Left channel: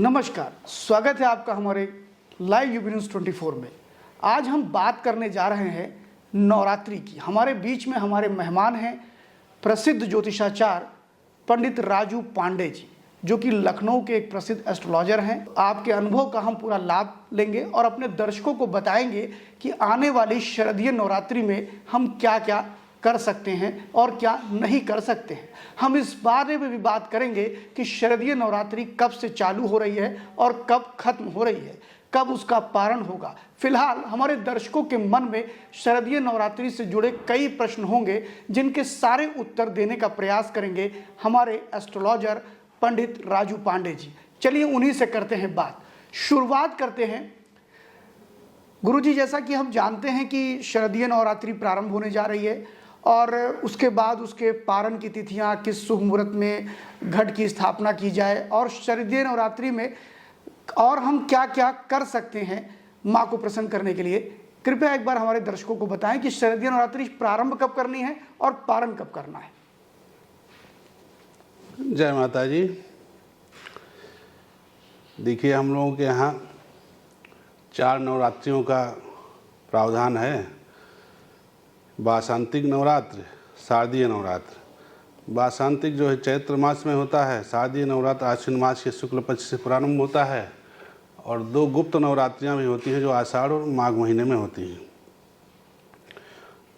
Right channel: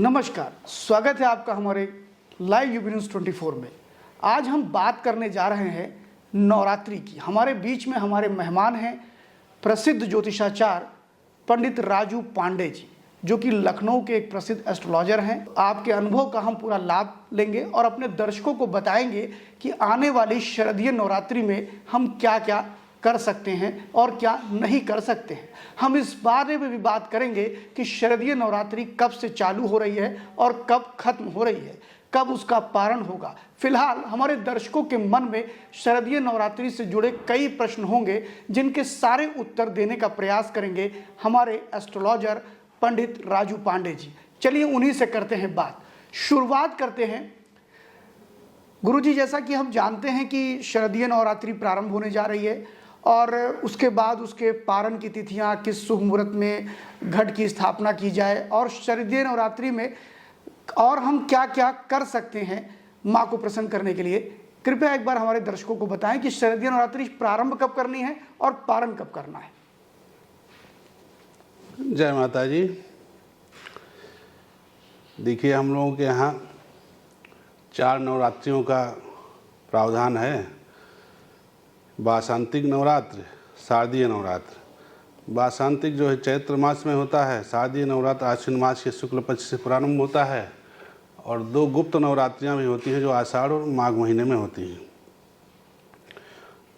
नमस्कार, स्वागत है आपका हमारे लाइव यूपी न्यूज़ 24 में। आज हम बात करने जा रहे हैं नवरात्रि की। हमारे बीच में हमारे मेहमान हैं प्रसिद्ध ज्योतिषाचार्य पंडित राजू पांडे जी, जो कि लखनऊ के एक प्रसिद्ध एस्ट्रोलॉजर हैं। आपके अनुभव का हम पूरा लाभ लेंगे और अपने दर्शकों को बताएंगे कि आने वाली शारदीय नवरात्रि में हम क्या क्या कर सकते हैं और क्या नहीं कर सकते हैं। हम इस बारे में भी बात करेंगे कि शारदीय नवरात्रि कब से चालू हो रही है और कब खत्म हो रही है, कब उसका पारण होगा। फिलहाल हमारे दर्शकों के मन में शारदीय नवरात्रि से जुड़े कई प्रश्न होंगे, जिनके सारे उत्तर देने का प्रयास करेंगे हमारे एस्ट्रोलॉजर पंडित राजू पांडे जी। चलिए उन्हीं से करते हैं बात। शुरुआत करते हैं गुरुजी। जैसा कि हम जानते हैं कि शारदीय नवरात्रि प्रारंभ होने जा रही है और उसके बाद उसके पारण की तिथियां, किस शुभ मुहूर्त में घट की स्थापना की जाए और शारदीय नवरात्रि में और हम क्या क्या कर सकते हैं माँ को प्रसन्न करने के लिए। कृपया एक बार हमारे दर्शकों को बताएं कि शारदीय नवरात्रि प्रारंभ कब करनी है और पारण कब करना है। जय माता जी। देखिए, हम लोगों के यहाँ 4 नवरात्रियों का प्रावधान है। वासंतिक नवरात्र, शारदीय नवरात्र। वासंतिक जो है चैत्र मास में होता है, शारदीय नवरात्र आश्विन मास के शुक्ल पक्ष से प्रारंभ होता है और 2 गुप्त नवरात्रियाँ भी होती हैं जो आषाढ़ और माघ महीने में होती हैं।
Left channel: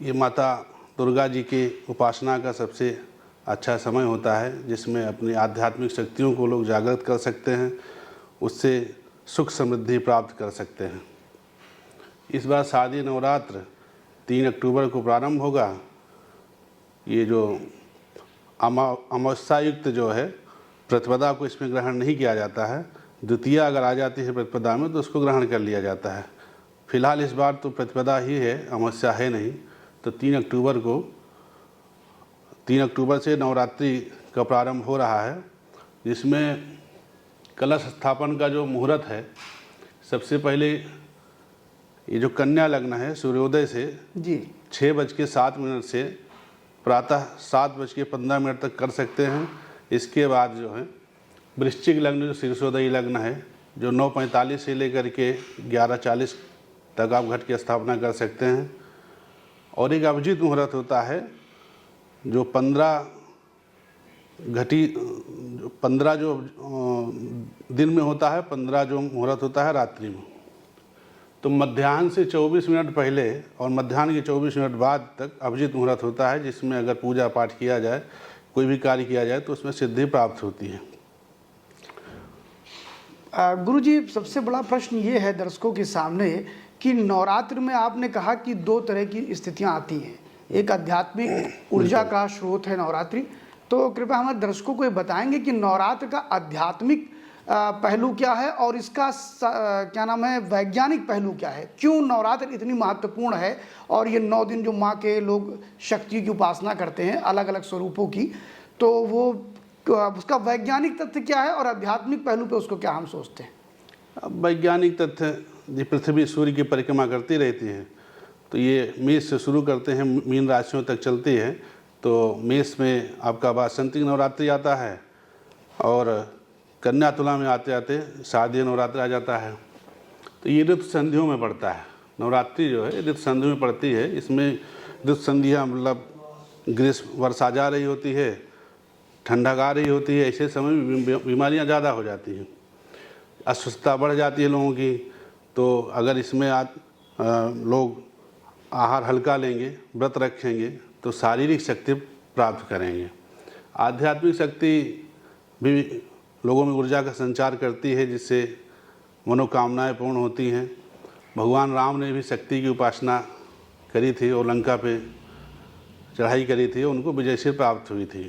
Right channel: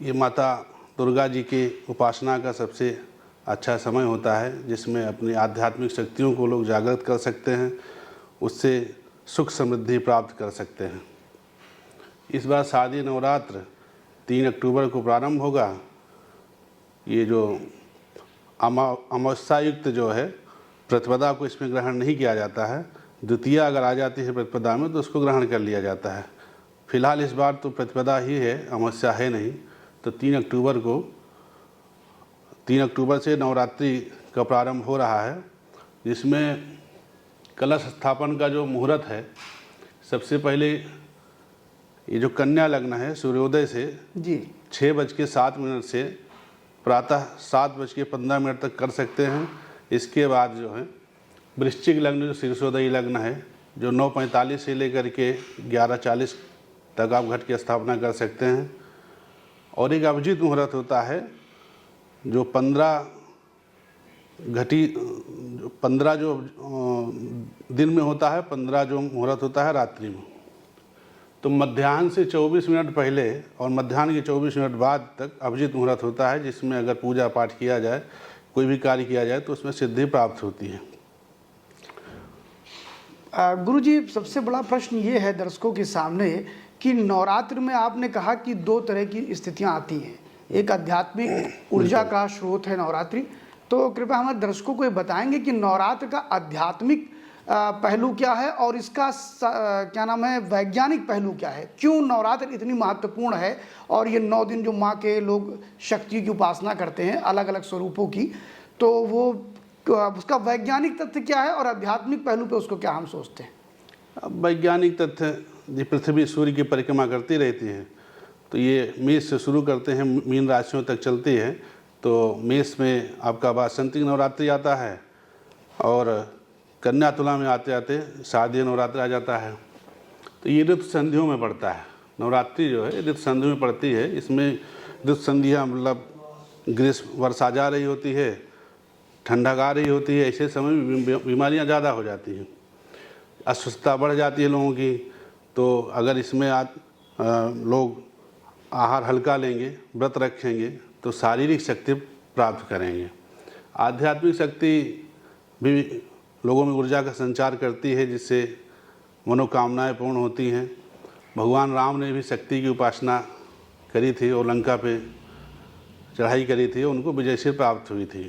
ये माता दुर्गा जी की उपासना का सबसे अच्छा समय होता है, जिसमें अपनी आध्यात्मिक शक्तियों को लोग जागृत कर सकते हैं, उससे सुख समृद्धि प्राप्त कर सकते हैं। इस बार शारदीय नवरात्र 3 अक्टूबर को प्रारंभ होगा। ये जो अमावस्या युक्त जो है प्रतिपदा को इसमें ग्रहण नहीं किया जाता है। द्वितीया अगर आ जाती है प्रतिपदा में तो उसको ग्रहण कर लिया जाता है। फिलहाल इस बार तो प्रतिपदा ही है, अमावस्या है नहीं। तो 3 अक्टूबर से नवरात्रि का प्रारंभ हो रहा है, जिसमें कलश स्थापन का जो मुहूर्त है, सबसे पहले ये जो कन्या लग्न है सूर्योदय से जी 6:07 से प्रातः 7:15 तक कर सकते हैं। इसके बाद जो है वृश्चिक लग्न जो शीर्षोदयी लग्न है, जो 9:45 से लेकर के 11:40 तक आप घट की स्थापना कर सकते हैं। और एक अभिजीत मुहूर्त होता है जो 15 जो दिन में होता है, 15 जो मुहूर्त होता है रात्रि में। तो मध्याह्न से 24 मिनट पहले और मध्याह्न के 24 मिनट बाद तक अभिजीत मुहूर्त होता है, जिसमें अगर पूजा पाठ किया जाए, कोई भी कार्य किया जाए तो उसमें सिद्धि प्राप्त होती है। गुरुजी, सबसे बड़ा प्रश्न ये है दर्शकों के सामने कि नवरात्र में आपने कहा कि 2 तरह की स्थितियां आती हैं। एक आध्यात्मिक ऊर्जा का स्रोत है नवरात्रि। तो कृपया हमारे दर्शकों को ये बताएंगे कि नवरात्र का आध्यात्मिक पहलू क्या है और इसका क्या नाम है वैज्ञानिक पहलू क्या है। क्यों नवरात्र इतनी महत्वपूर्ण है और ये 9 दिन जो माँ के लोग शक्ति की उपासना करते हैं अलग अलग स्वरूपों की, तो वो उसका वैज्ञानिक तथ्य क्या है और आध्यात्मिक पहलू पे उसको क्या हम सोचते हैं। वैज्ञानिक तथ्य, ये पृथ्वी सूर्य की परिक्रमा करती रहती है, तो ये मेष से शुरू करते हैं, मीन राशियों तक चलती है। तो मेष में आपका वासंतिक नवरात्रि आता है और कन्या तुला में आते आते शारदीय नवरात्र आ जाता है। तो ये ऋतु संधियों में पड़ता है। नवरात्रि जो है ऋतु संधियों में पड़ती है। इसमें ऋतु संधियाँ मतलब ग्रीष्म वर्षा जा रही होती है, ठंडक आ रही होती है। ऐसे समय में बीमारियाँ ज़्यादा हो जाती हैं, अस्वस्थता बढ़ जाती है लोगों की। तो अगर इसमें लोग आहार हल्का लेंगे, व्रत रखेंगे, तो शारीरिक शक्ति प्राप्त करेंगे। आध्यात्मिक शक्ति भी लोगों में ऊर्जा का संचार करती है, जिससे मनोकामनाएं पूर्ण होती हैं। भगवान राम ने भी शक्ति की उपासना करी थी और लंका पे चढ़ाई करी थी, उनको विजयश्री प्राप्त हुई थी।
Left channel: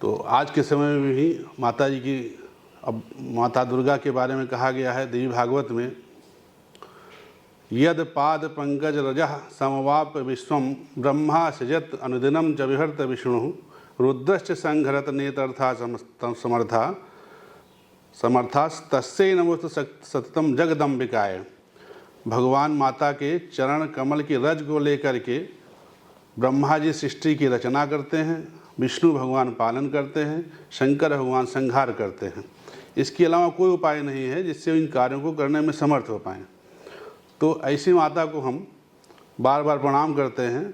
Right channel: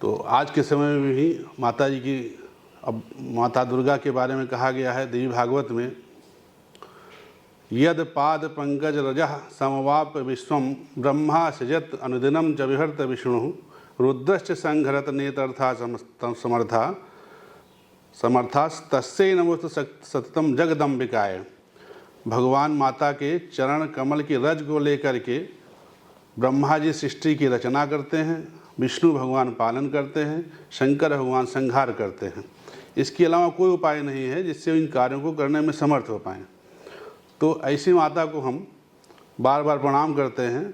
तो आज के समय में भी माता जी की, अब माता दुर्गा के बारे में कहा गया है देवी भागवत में, यद पाद पंकज रजः समवाप विश्वम ब्रह्मा सजत अनुदिनम च विहर्त विष्णु रुद्रश्च संघरत नेतर्था समर्था तस्यै नमोस्तु सततम जगदम्बिकाय। भगवान माता के चरण कमल की रज को लेकर के ब्रह्मा जी सृष्टि की रचना करते हैं, विष्णु भगवान पालन करते हैं, शंकर भगवान संहार करते हैं। इसके अलावा कोई उपाय नहीं है जिससे इन कार्यों को करने में समर्थ हो पाएँ। तो ऐसी माता को हम बार बार प्रणाम करते हैं।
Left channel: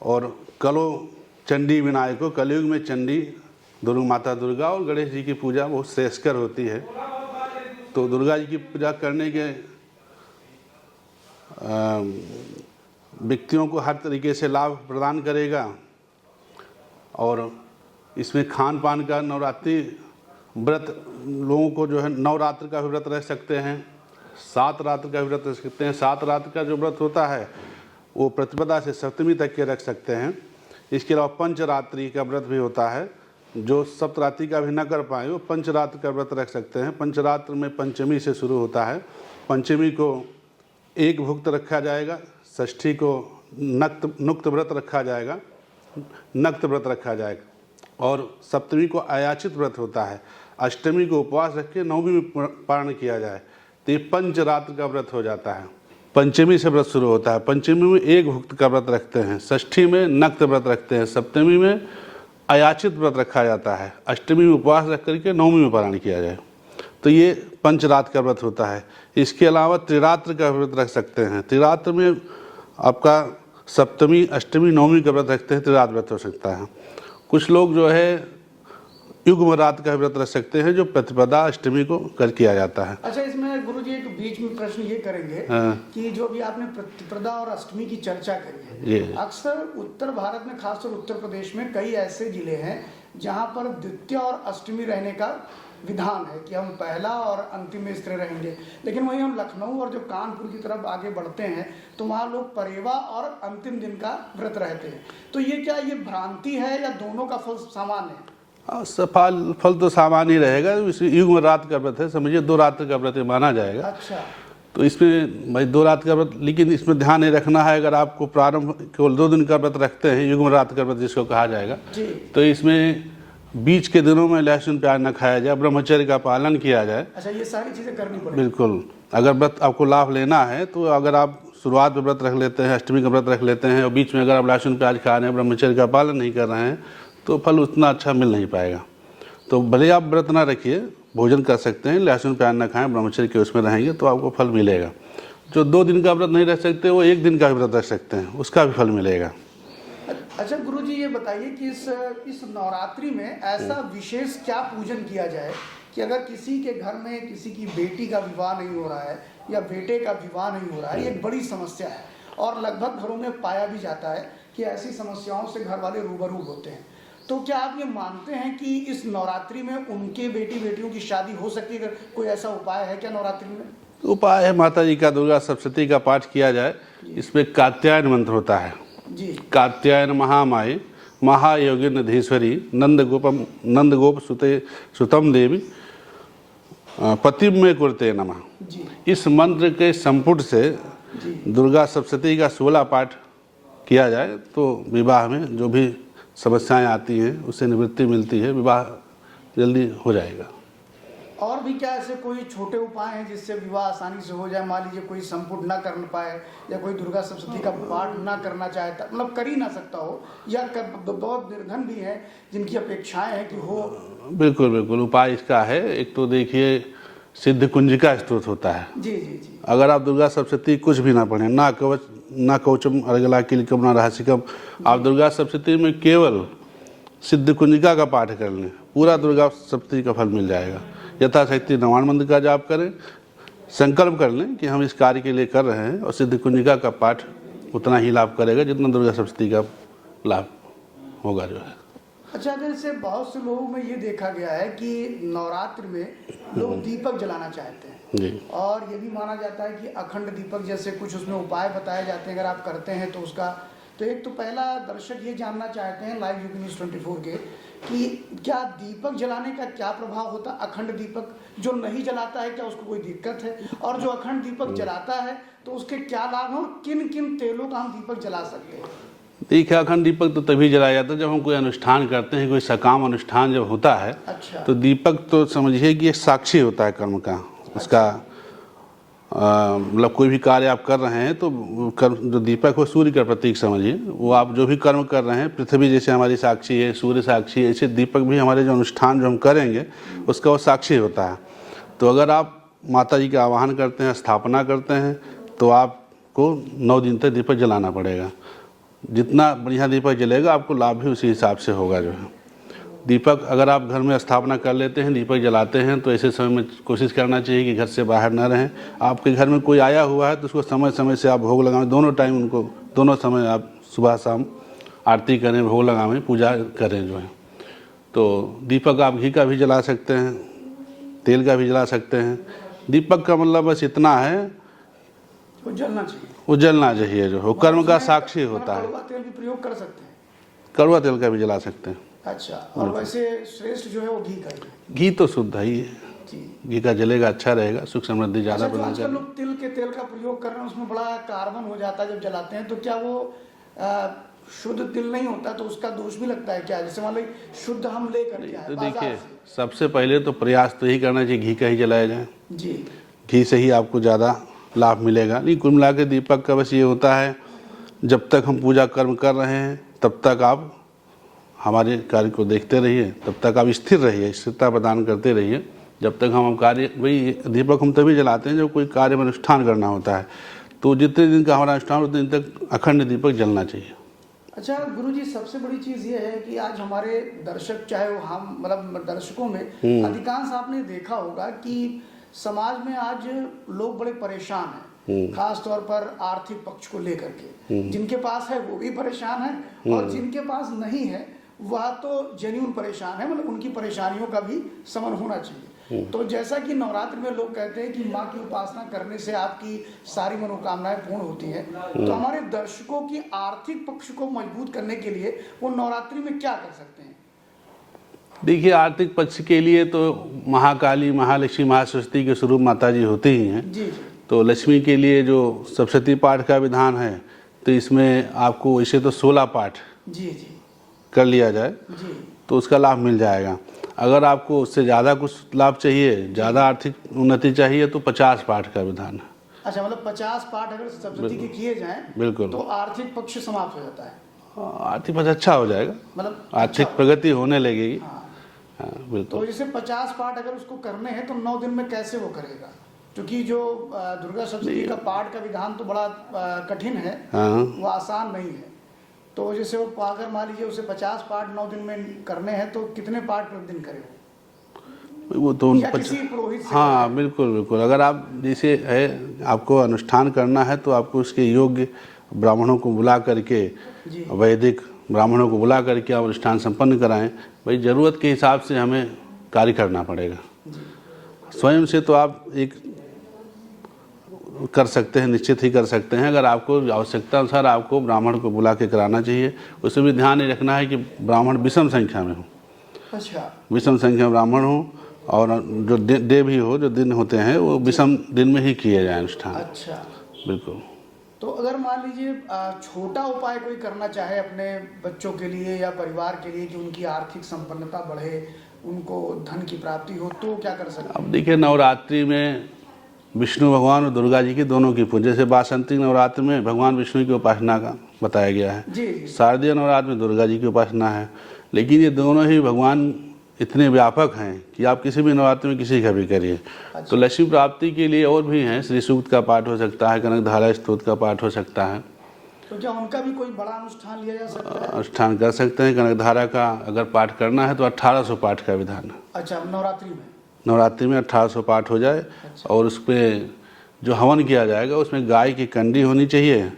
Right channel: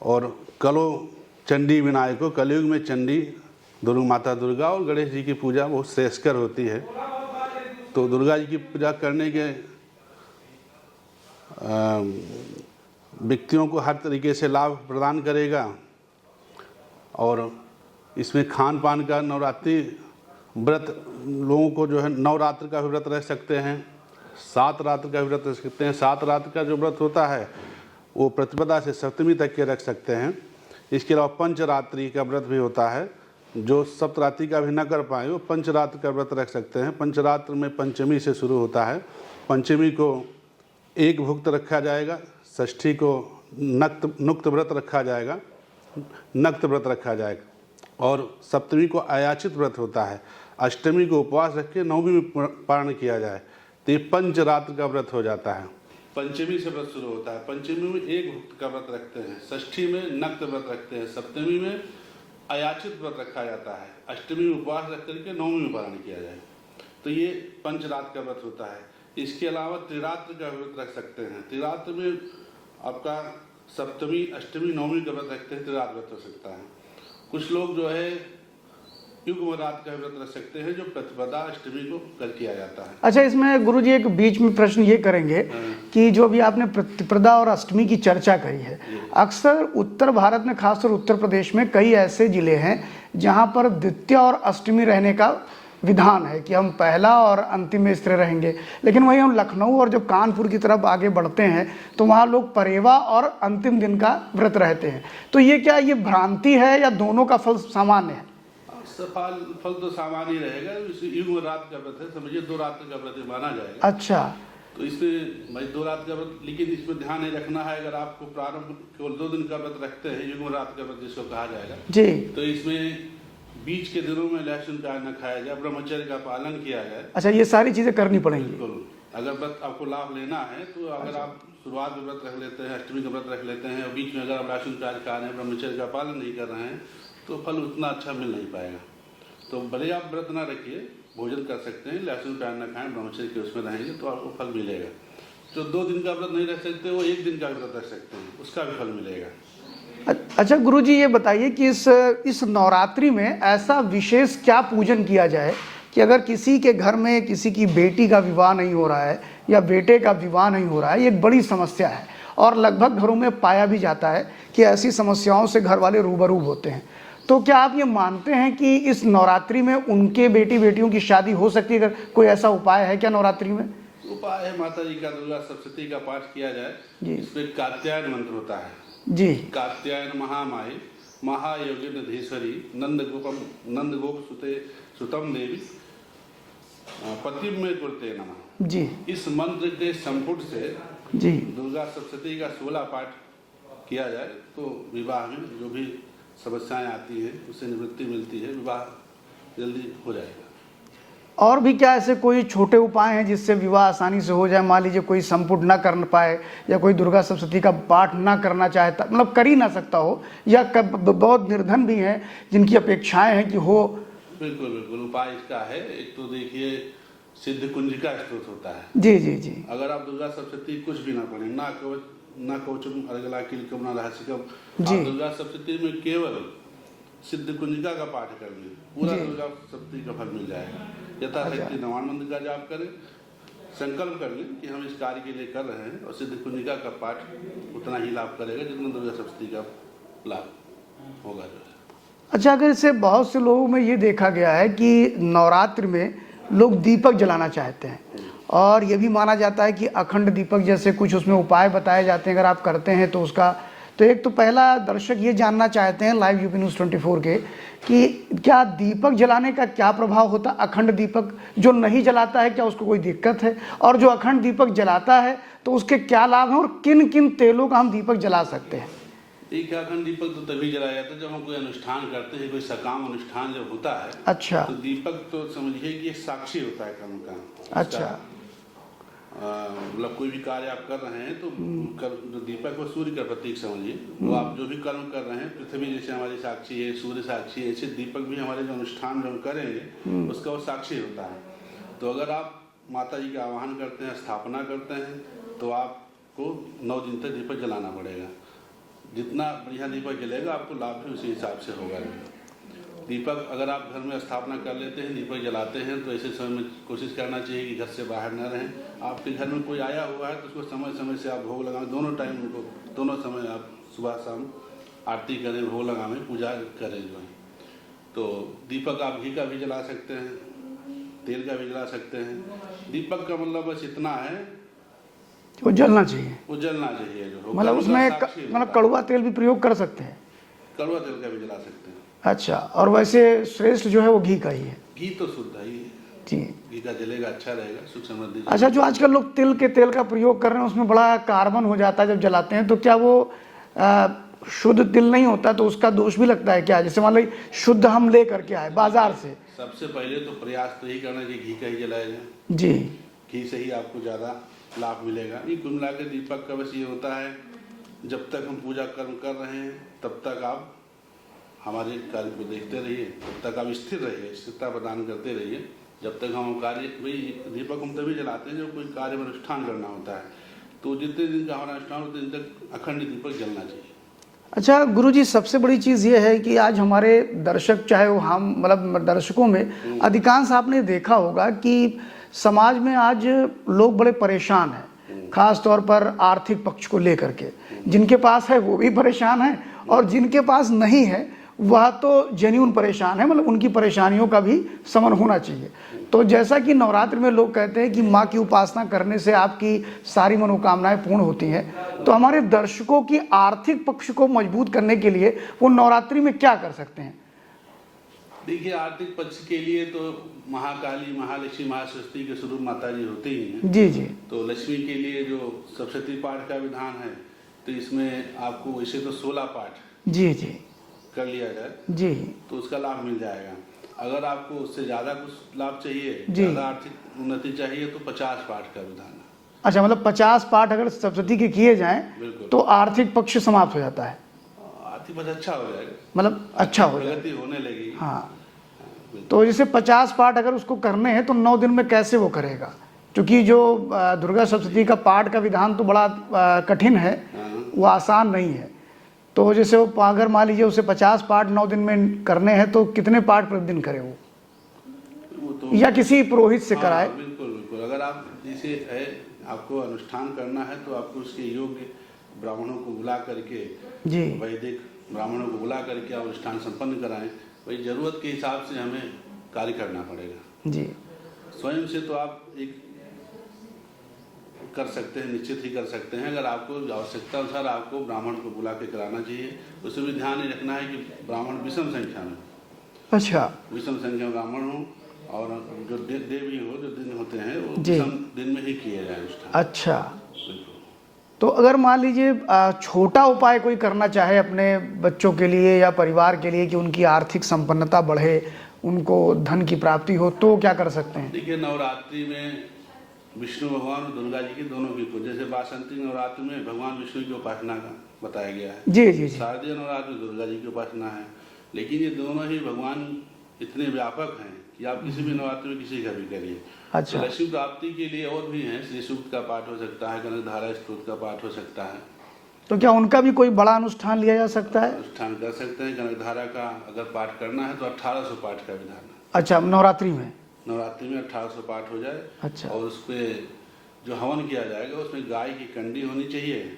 और कलो चंडी विनायको, कलयुग में चंडी माता दुर्गा और गणेश जी की पूजा बहुत श्रेयस्कर होती है। तो दुर्गा जी की पूजा करने के व्यक्तियों को हर तरीके से लाभ प्रदान करेगा। और इसमें खान पान का, नवरात्रि व्रत लोगों को जो है 9 रात्र का भी व्रत रह सकते हैं, 7 रात्र का भी व्रत रह सकते हैं। 7 रात्र का जो व्रत होता है वो प्रतिपदा से सप्तमी तक के रख सकते हैं। इसके अलावा पंचरात्रि का व्रत भी होता है, जो सप्तरात्रि का भी न कर पाए वो पंचरात्र का व्रत रख सकते हैं। पंचरात्र में पंचमी से शुरू होता है। पंचमी को एक भुक्त रखा जाएगा, षष्ठी को नुक्त व्रत रखा जाएगा, नक्त व्रत रखा जाएगा, और सप्तमी को अयाचित व्रत होता है। अष्टमी को उपवास रख के नवमी में पारण किया जाए तो ये पंचरात्र का व्रत हो जाता है। पंचमी से व्रत शुरू होता है। पंचमी में एक भुक्त का व्रत रखते हैं, षष्ठी में नक्त व्रत रखते हैं, सप्तमी में अयाचित व्रत रखा जाता है, अष्टमी में उपवास रख करके नवमी में पारण किया जाए। तो ये पंचरात्र का व्रत होता है। इसके अलावा त्रिरात्र का व्रत रख सकते हैं। त्रिरात्र में आपका सप्तमी, अष्टमी, नवमी का व्रत रखते हैं, त्रिरात्र व्रत हो सकता है। कुछ लोग जो है युग्म रात का व्रत रख सकते हैं, जो प्रतिपदा अष्टमी को कर किया जाता है। अच्छा, इसमें गुरुजी एक बीच में प्रश्न ये करेंगे कि जो भी आपने प्रतिपदा और अष्टमी की चर्चा करी है, अक्सर उत्तर भारत में, खासकर उत्तर प्रदेश में कई ऐसे जिले हैं जहां पर द्वितीया और अष्टमी रहने का विधान है कि हम पहला और अंतिम में स्थिर रहेंगे। लेकिन वहीं हम लखनऊ और जब कानपुर की तरफ आगे बढ़ते हैं तो वहाँ लोग परेवा और अंतिम दिन का व्रत रहते हैं। तो ये क्या ये भ्रांति है या दोनों का फल सामान्य है? फल तो सामान्य ही रहेगा। युग्म रात का व्रत है, समझिए 2 रात्र का व्रत माना जाएगा। अच्छा, तो इसमें भाई 2 रात का व्रत, लेकिन इसमें ध्यान नहीं रखना है, अगर आपको प्रारंभ केवल 2 दिन का व्रत रखते हैं, युग्म रात का व्रत जिसको कहा जाएगा जी, तो इसमें बीच के दिनों में लहसुन प्याज न खाया जाए, ब्रह्मचर्य का पालन किया जाए। अच्छा, ये सारी चीजें करनी पड़ेगी। बिल्कुल। अगर व्रत आपको लाभ लेना है तो अगर आप शुरुआत में व्रत रख लेते हैं, अष्टमी का व्रत रख लेते हैं और बीच में अगर आप लहसुन प्याज खा रहे हैं, ब्रह्मचर्य का पालन नहीं कर रहे हैं, तो फल उतना अच्छा मिल नहीं पाएगा। तो भले आप व्रत ना रखिए, भोजन कर सकते हैं, लहसुन प्याज ना खाएं, ब्रह्मचर्य के उसमें रहेंगे तो आपको फल मिलेगा। जो 2 दिन का व्रत नहीं रख सकते वो 1 दिन का व्रत रख सकते हैं, उसका भी फल मिलेगा। अच्छा गुरुजी, ये बताइए कि इस नवरात्रि में ऐसा विशेष क्या पूजन किया जाए कि अगर किसी के घर में किसी की बेटी का विवाह नहीं हो रहा है या बेटे का विवाह नहीं हो रहा है, ये एक बड़ी समस्या है और लगभग घरों में पाया भी जाता है कि ऐसी समस्याओं से घर वाले रूबरू होते हैं। तो क्या आप ये मानते हैं कि इस नवरात्रि में उनके बेटियों की शादी हो सकती है? अगर कोई ऐसा उपाय है क्या नवरात्रि में? उपाय है, माता जी का, दुर्गा सप्तशती का पाठ किया जाए। इसमें कात्यायन मंत्र होता है जी। कात्यायन महामाये महायोगिन धीश्वरी नंद गोप सुतम देवी पतिम में कुरते नमः जी। इस मंत्र के संपुट से जी दुर्गा सप्तशती का 16 पाठ किया जाए तो विवाह में जो भी समस्याएं आती हैं उससे निवृत्ति मिलती है, विवाह जल्दी हो जाएगा। और भी क्या ऐसे कोई छोटे उपाय हैं जिससे विवाह आसानी से हो जाए? मान लीजिए कोई संपुट ना कर पाए या कोई दुर्गा सप्तशती का पाठ ना करना चाहता, मतलब कर ही ना सकता हो, या बहुत निर्धन भी हैं जिनकी अपेक्षाएं हैं कि हो। बिल्कुल बिल्कुल, उपाय इसका है। एक तो देखिए सिद्ध कुंजिका स्तोत्र होता है। जी जी जी। अगर आप दुर्गा सप्तशती कुछ भी ना पढ़ें, ना कवच, ना कवचम अर्गला किलकम, ना रहस्यकम, आप दुर्गा सप्तशती में केवल सिद्ध कुंजिका का पाठ कर लें, पूरा दुर्गा सप्तशती का फल मिल जाएगा। यथाशक्ति 99 मंत्र का जाप करें, संकल्प कर लें कि हम इस कार्य के लिए कर रहे हैं, और सिद्ध कुंजिका का पाठ उतना ही लाभ करेगा जितना दुर्गा सप्तशती का लाभ होगा जो है। अच्छा, अगर इसे बहुत से लोगों में ये देखा गया है कि नवरात्र में लोग दीपक जलाना चाहते हैं और ये भी माना जाता है कि अखंड दीपक जैसे कुछ उसमें उपाय बताए जाते हैं, अगर आप करते हैं तो उसका, तो एक तो पहला दर्शक ये जानना चाहते हैं लाइव यूपी न्यूज़ 24 के कि क्या दीपक जलाने का क्या प्रभाव होता है? अखंड दीपक जो नहीं जलाता है क्या उसको कोई दिक्कत है? और जो अखंड दीपक जलाता है तो उसके क्या लाभ हैं और किन किन तेलों का हम दीपक जला सकते हैं? देखिए, अखंड दीपक तो तभी जलाया जाता है जब हम कोई अनुष्ठान करते हैं, कोई सकाम अनुष्ठान जब होता है। अच्छा। तो दीपक तो समझिए कि एक साक्षी होता है कर्म का, उसका मतलब कोई भी कार्य आप कर रहे हैं तो जो दीपक हो सूर्य का प्रतीक समझिए, वो आप जो भी कर्म कर रहे हैं, पृथ्वी जैसे हमारी साक्षी है, सूर्य साक्षी है, ऐसे दीपक भी हमारे जो अनुष्ठान जो हम करेंगे उसका वो साक्षी होता है। तो अगर आप माता जी का आवाहन करते हैं, स्थापना करते हैं, तो आपको 9 दिन तक दीपक जलाना पड़ेगा। जितना बढ़िया दीपक जलेगा आपको लाभ भी उसी हिसाब से होगा। जो है दीपक अगर आप घर में स्थापना कर लेते हैं, दीपक जलाते हैं, तो ऐसे समय में कोशिश करना चाहिए कि घर से बाहर न रहें। आपके घर में कोई आया हुआ है तो उसको समय समय से आप भोग लगाएं, दोनों टाइम उनको, दोनों समय आप सुबह शाम आरती करें, भोग लगाएं, पूजा करें जो है। तो दीपक आप घी का भी जला सकते हैं, तेल का भी जला सकते हैं। दीपक का मतलब बस इतना है, वो जलना चाहिए, वो जलना चाहिए, जो हो कर्म का साक्षी होता है। कड़वा तेल भी प्रयोग कर सकते हैं, कड़वा तेल का भी जला सकते हैं। अच्छा, और वैसे श्रेष्ठ जो है वो घी का ही है। घी तो शुद्ध ही है जी, घी का जलेगा, अच्छा रहेगा, सुख समृद्धि ज़्यादा। अच्छा, जो आजकल लोग तिल के तेल का प्रयोग कर रहे हैं उसमें बड़ा कार्बन हो जाता है जब जलाते हैं, तो क्या वो शुद्ध तिल नहीं होता, तो उसका दोष भी लगता है क्या? जैसे मान लो शुद्ध हम ले करके आए बाजार से, सबसे पहले तो प्रयास तो यही करना चाहिए घी का ही जलाया जाए जी, घी से ही आपको ज़्यादा लाभ मिलेगा। नहीं, कुल मिला के दीपक का बस ये होता है, जब तक हम पूजा कर्म कर रहे हैं तब तक आप हमारे कार्य को देखते रहिए, तब तक आप स्थिर रहिए, स्थिरता प्रदान करते रहिए। जब तक हम कार्य, वही दीपक हम तभी जलाते हैं जब कोई कार्य में अनुष्ठान करना होता है, तो जितने दिन का हमारा अनुष्ठान उतने दिन तक अखंड दीपक जलना चाहिए। अच्छा गुरुजी, सबसे बड़ी चीज़ ये है कि आज हमारे दर्शक, चाहे वो हम, मतलब दर्शकों में अधिकांश आपने देखा होगा कि समाज में आज लोग बड़े परेशान हैं, खास तौर पर आर्थिक पक्ष को लेकर के। जिनके पास है वो भी परेशान है, और जिनके पास नहीं है वह तो जेन्युइन परेशान है, मतलब उनकी परेशानियों का भी समन होना चाहिए। तो जैसा कि नवरात्र में लोग कहते हैं कि माँ की उपासना करने से आपकी सारी मनोकामनाएं पूर्ण होती हैं, तो हमारे दर्शकों की आर्थिक पक्ष को मजबूत करने के लिए वो नवरात्रि में क्या कर सकते हैं? देखिए, आर्थिक पक्ष के लिए तो महाकाली, महालक्ष्मी, महासरस्वती के स्वरूप माता जी होती ही हैं। जी जी। तो लक्ष्मी के लिए जो सप्तशती पाठ का विधान है, तो इसमें आपको वैसे तो 16 पाठ जी जी कर लिया जाए जी, तो उसका लाभ मिल जाएगा। अगर आपको उससे ज़्यादा कुछ लाभ चाहिए, ज़्यादा आर्थिक उन्नति चाहिए, तो 50 पाठ का विधान है। अच्छा, मतलब 50 पाठ अगर सप्तशती के किए जाएं बिल्कुल, तो आर्थिक पक्ष समाप्त हो जाता है, आर्थिक पक्ष अच्छा हो जाएगा, मतलब अच्छा प्रगति होने लगेगी। हाँ, बिल्कुल। तो जैसे 50 पाठ अगर उसको करने हैं तो 9 दिन में कैसे वो करेगा? क्योंकि जो दुर्गा सप्तशती का पाठ का विधान तो बड़ा कठिन है, वो आसान नहीं है। तो जैसे वो अगर मान लीजिए उसे 50 पाठ 9 दिन में करने हैं तो कितने पाठ प्रतिदिन करे वो तो या किसी पुरोहित से कराए? हाँ, बिल्कुल बिल्कुल। अगर आप जैसे है, आपको अनुष्ठान करना है तो आपको उसके योग्य ब्राह्मणों को बुला करके, वैदिक ब्राह्मणों को बुला करके आप अनुष्ठान संपन्न कराएं। भाई ज़रूरत के हिसाब से हमें कार्य करना पड़ेगा जी। स्वयं से तो आप एक कर सकते हैं, निश्चित ही कर सकते हैं। अगर आपको आवश्यकता अनुसार आपको ब्राह्मण को बुला के कराना चाहिए। उसमें भी ध्यान ये रखना है कि ब्राह्मण विषम संख्या में हो। अच्छा, विषम संख्या में ब्राह्मण हो, और जो डे भी हो, जो दिन होते हैं वो विषम दिन में ही किए जाए अनुष्ठान। अच्छा, बिल्कुल। तो अगर मान लीजिए छोटा उपाय कोई करना चाहे अपने बच्चों के लिए या परिवार के लिए कि उनकी आर्थिक संपन्नता बढ़े, उनको धन की प्राप्ति हो, तो क्या कर सकते हैं? देखिए, नवरात्रि में विष्णु भगवान और दुर्गा जी की दोनों की पूजा, जैसे वासंतिक नवरात्र में भगवान विष्णु की उपासना का बताया गया है। जी जी। शारदीय नवरात्र में दुर्गा जी की उपासना है। लेकिन ये दोनों ही भगवान इतने व्यापक हैं कि आप किसी भी नवरात्र में किसी का भी करिए। अच्छा। तो लक्ष्मी प्राप्ति के लिए और भी हैं, श्री सूक्त का पाठ हो सकता है, कनकधारा स्तोत्र का पाठ हो सकता है। तो क्या उनका भी कोई बड़ा अनुष्ठान लिया जा सकता है? अनुष्ठान कर सकते हैं। कनकधारा का अगर पाठ करना है तो 1800 पाठ का विधान है। अच्छा, नवरात्रि में? नवरात्रि में 1800 पाठ हो जाए। अच्छा। और उस पर जो हवन किया जाएगा उसमें गाय की कंडी होनी चाहिए,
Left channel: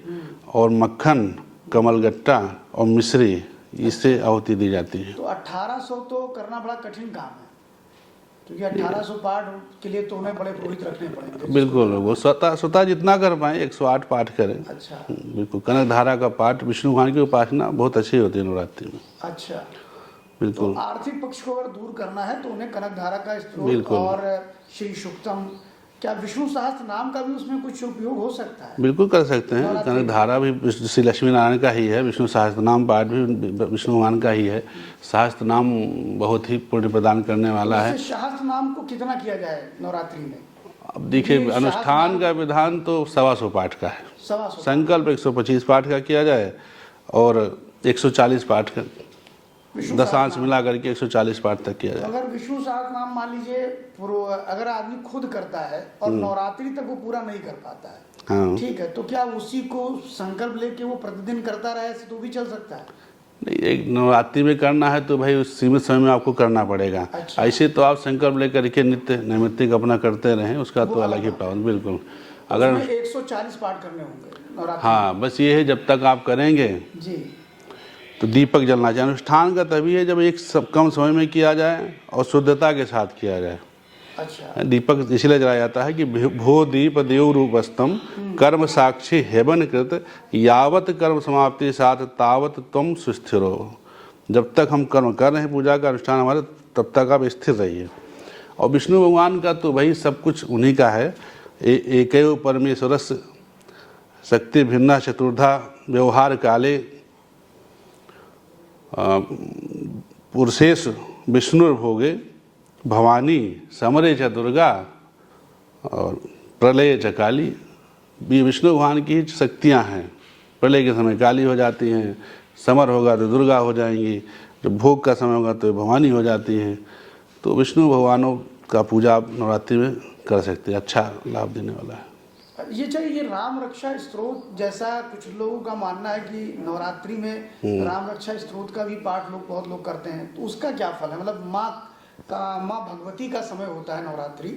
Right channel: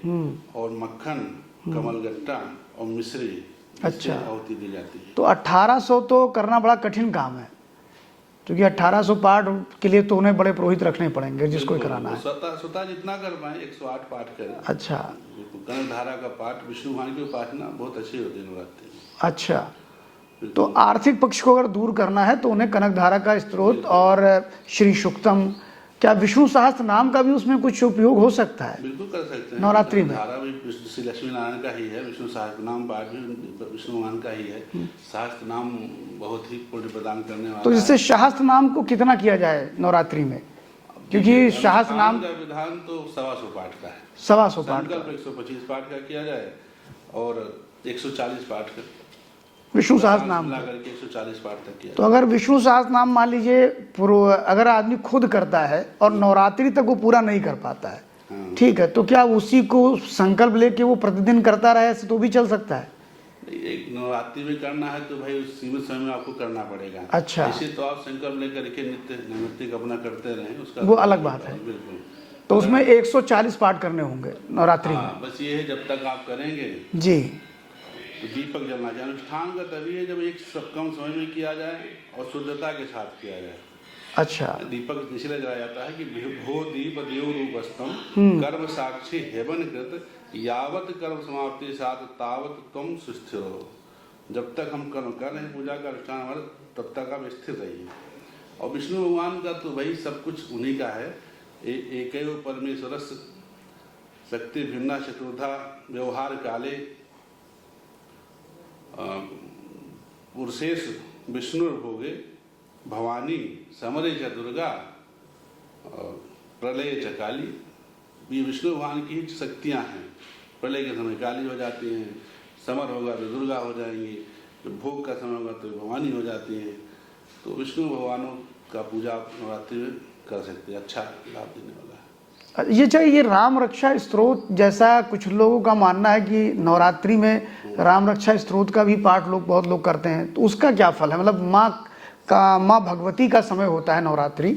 और मक्खन, कमलगट्टा और मिश्री, इससे आहुति दी जाती है। तो 1800 तो करना बड़ा कठिन काम है, क्योंकि 1800 पाठ के लिए तो उन्हें बड़े पुरोहित रखने पड़ेंगे। बिल्कुल, वो स्वतः जितना कर पाए 108 पाठ करें। अच्छा, बिल्कुल। कनकधारा का पाठ, विष्णु भगवान की उपासना बहुत अच्छी होती है नवरात्रि में। अच्छा। तो आर्थिक पक्ष को अगर दूर करना है तो उन्हें कनकधारा का स्त्रोत और श्री सूक्तम, क्या विष्णु सहस्त्र नाम का भी उसमें कुछ उपयोग हो सकता है? बिल्कुल कर सकते हैं। कनकधारा भी श्री लक्ष्मी नारायण का ही है, विष्णु सहस्त्र नाम पाठ भी विष्णु भगवान का ही है। सहस्त्र नाम बहुत ही पुण्य प्रदान करने वाला है। तो इससे सहस्त्र नाम को कितना किया जाए नवरात्रि में? अब देखिए अनुष्ठान का विधान तो 125 पाठ का है। 125 संकल्प 125 पाठ का किया जाए और 140 पाठ का विष्णु दशांश सहस्त्रनाम। मिला करके 140 पाठ तक किया तो जाए। अगर विष्णु सहस्त्रनाम मान लीजिए अगर आदमी खुद करता है और नवरात्रि तक वो पूरा नहीं कर पाता है, हाँ ठीक है, तो क्या उसी को संकल्प लेके वो प्रतिदिन करता रहे ऐसे तो भी चल सकता है? नहीं, एक नवरात्रि में करना है तो भाई उस सीमित समय में आपको करना पड़ेगा। अच्छा। ऐसे तो आप संकल्प लेकर के नित्य नैमित्तिक अपना करते रहें, उसका वो तो अलग अलग ही बात है। पावन, बिल्कुल। तो उसमें 140 पाठ करने होंगे नवरात्रि हाँ, बस ये है जब तक आप करेंगे में। जी। तो दीपक जलना चाहिए। अनुष्ठान का तभी है जब एक कम समय में किया जाए और शुद्धता के साथ किया जाए। अच्छा। दीपक इसलिए जलाया जाता है कि भो दीप देव रूपस्तम कर्म साक्षी हेवन कृत यावत कर्म समाप्ति साथ तावत तुम सुस्थिरो। जब तक हम कर्म कर रहे हैं पूजा का अनुष्ठान हमारा, तब तक आप स्थिर रहिए। और विष्णु भगवान का तो भाई सब कुछ उन्हीं का है। एकैव परमेश्वरस्य शक्ति भिन्ना चतुर्धा व्यवहार काले पुरुषेश विष्णुर्भोगे भवानी समरे च दुर्गा और प्रलय च काली। ये विष्णु भगवान की शक्तियाँ हैं। प्रलय के समय काली हो जाती हैं, समर होगा तो दुर्गा हो जाएंगी, जब भोग का समय होगा तो भवानी हो जाती हैं। तो विष्णु भगवानों का पूजा आप नवरात्रि में कर सकते हैं, अच्छा लाभ देने वाला है। ये चाहिए ये राम रक्षा स्तोत्र जैसा कुछ लोगों का मानना है कि नवरात्रि में राम रक्षा स्तोत्र का भी पाठ बहुत लोग करते हैं, तो उसका क्या फल है? मतलब माँ भगवती का समय होता है नवरात्रि,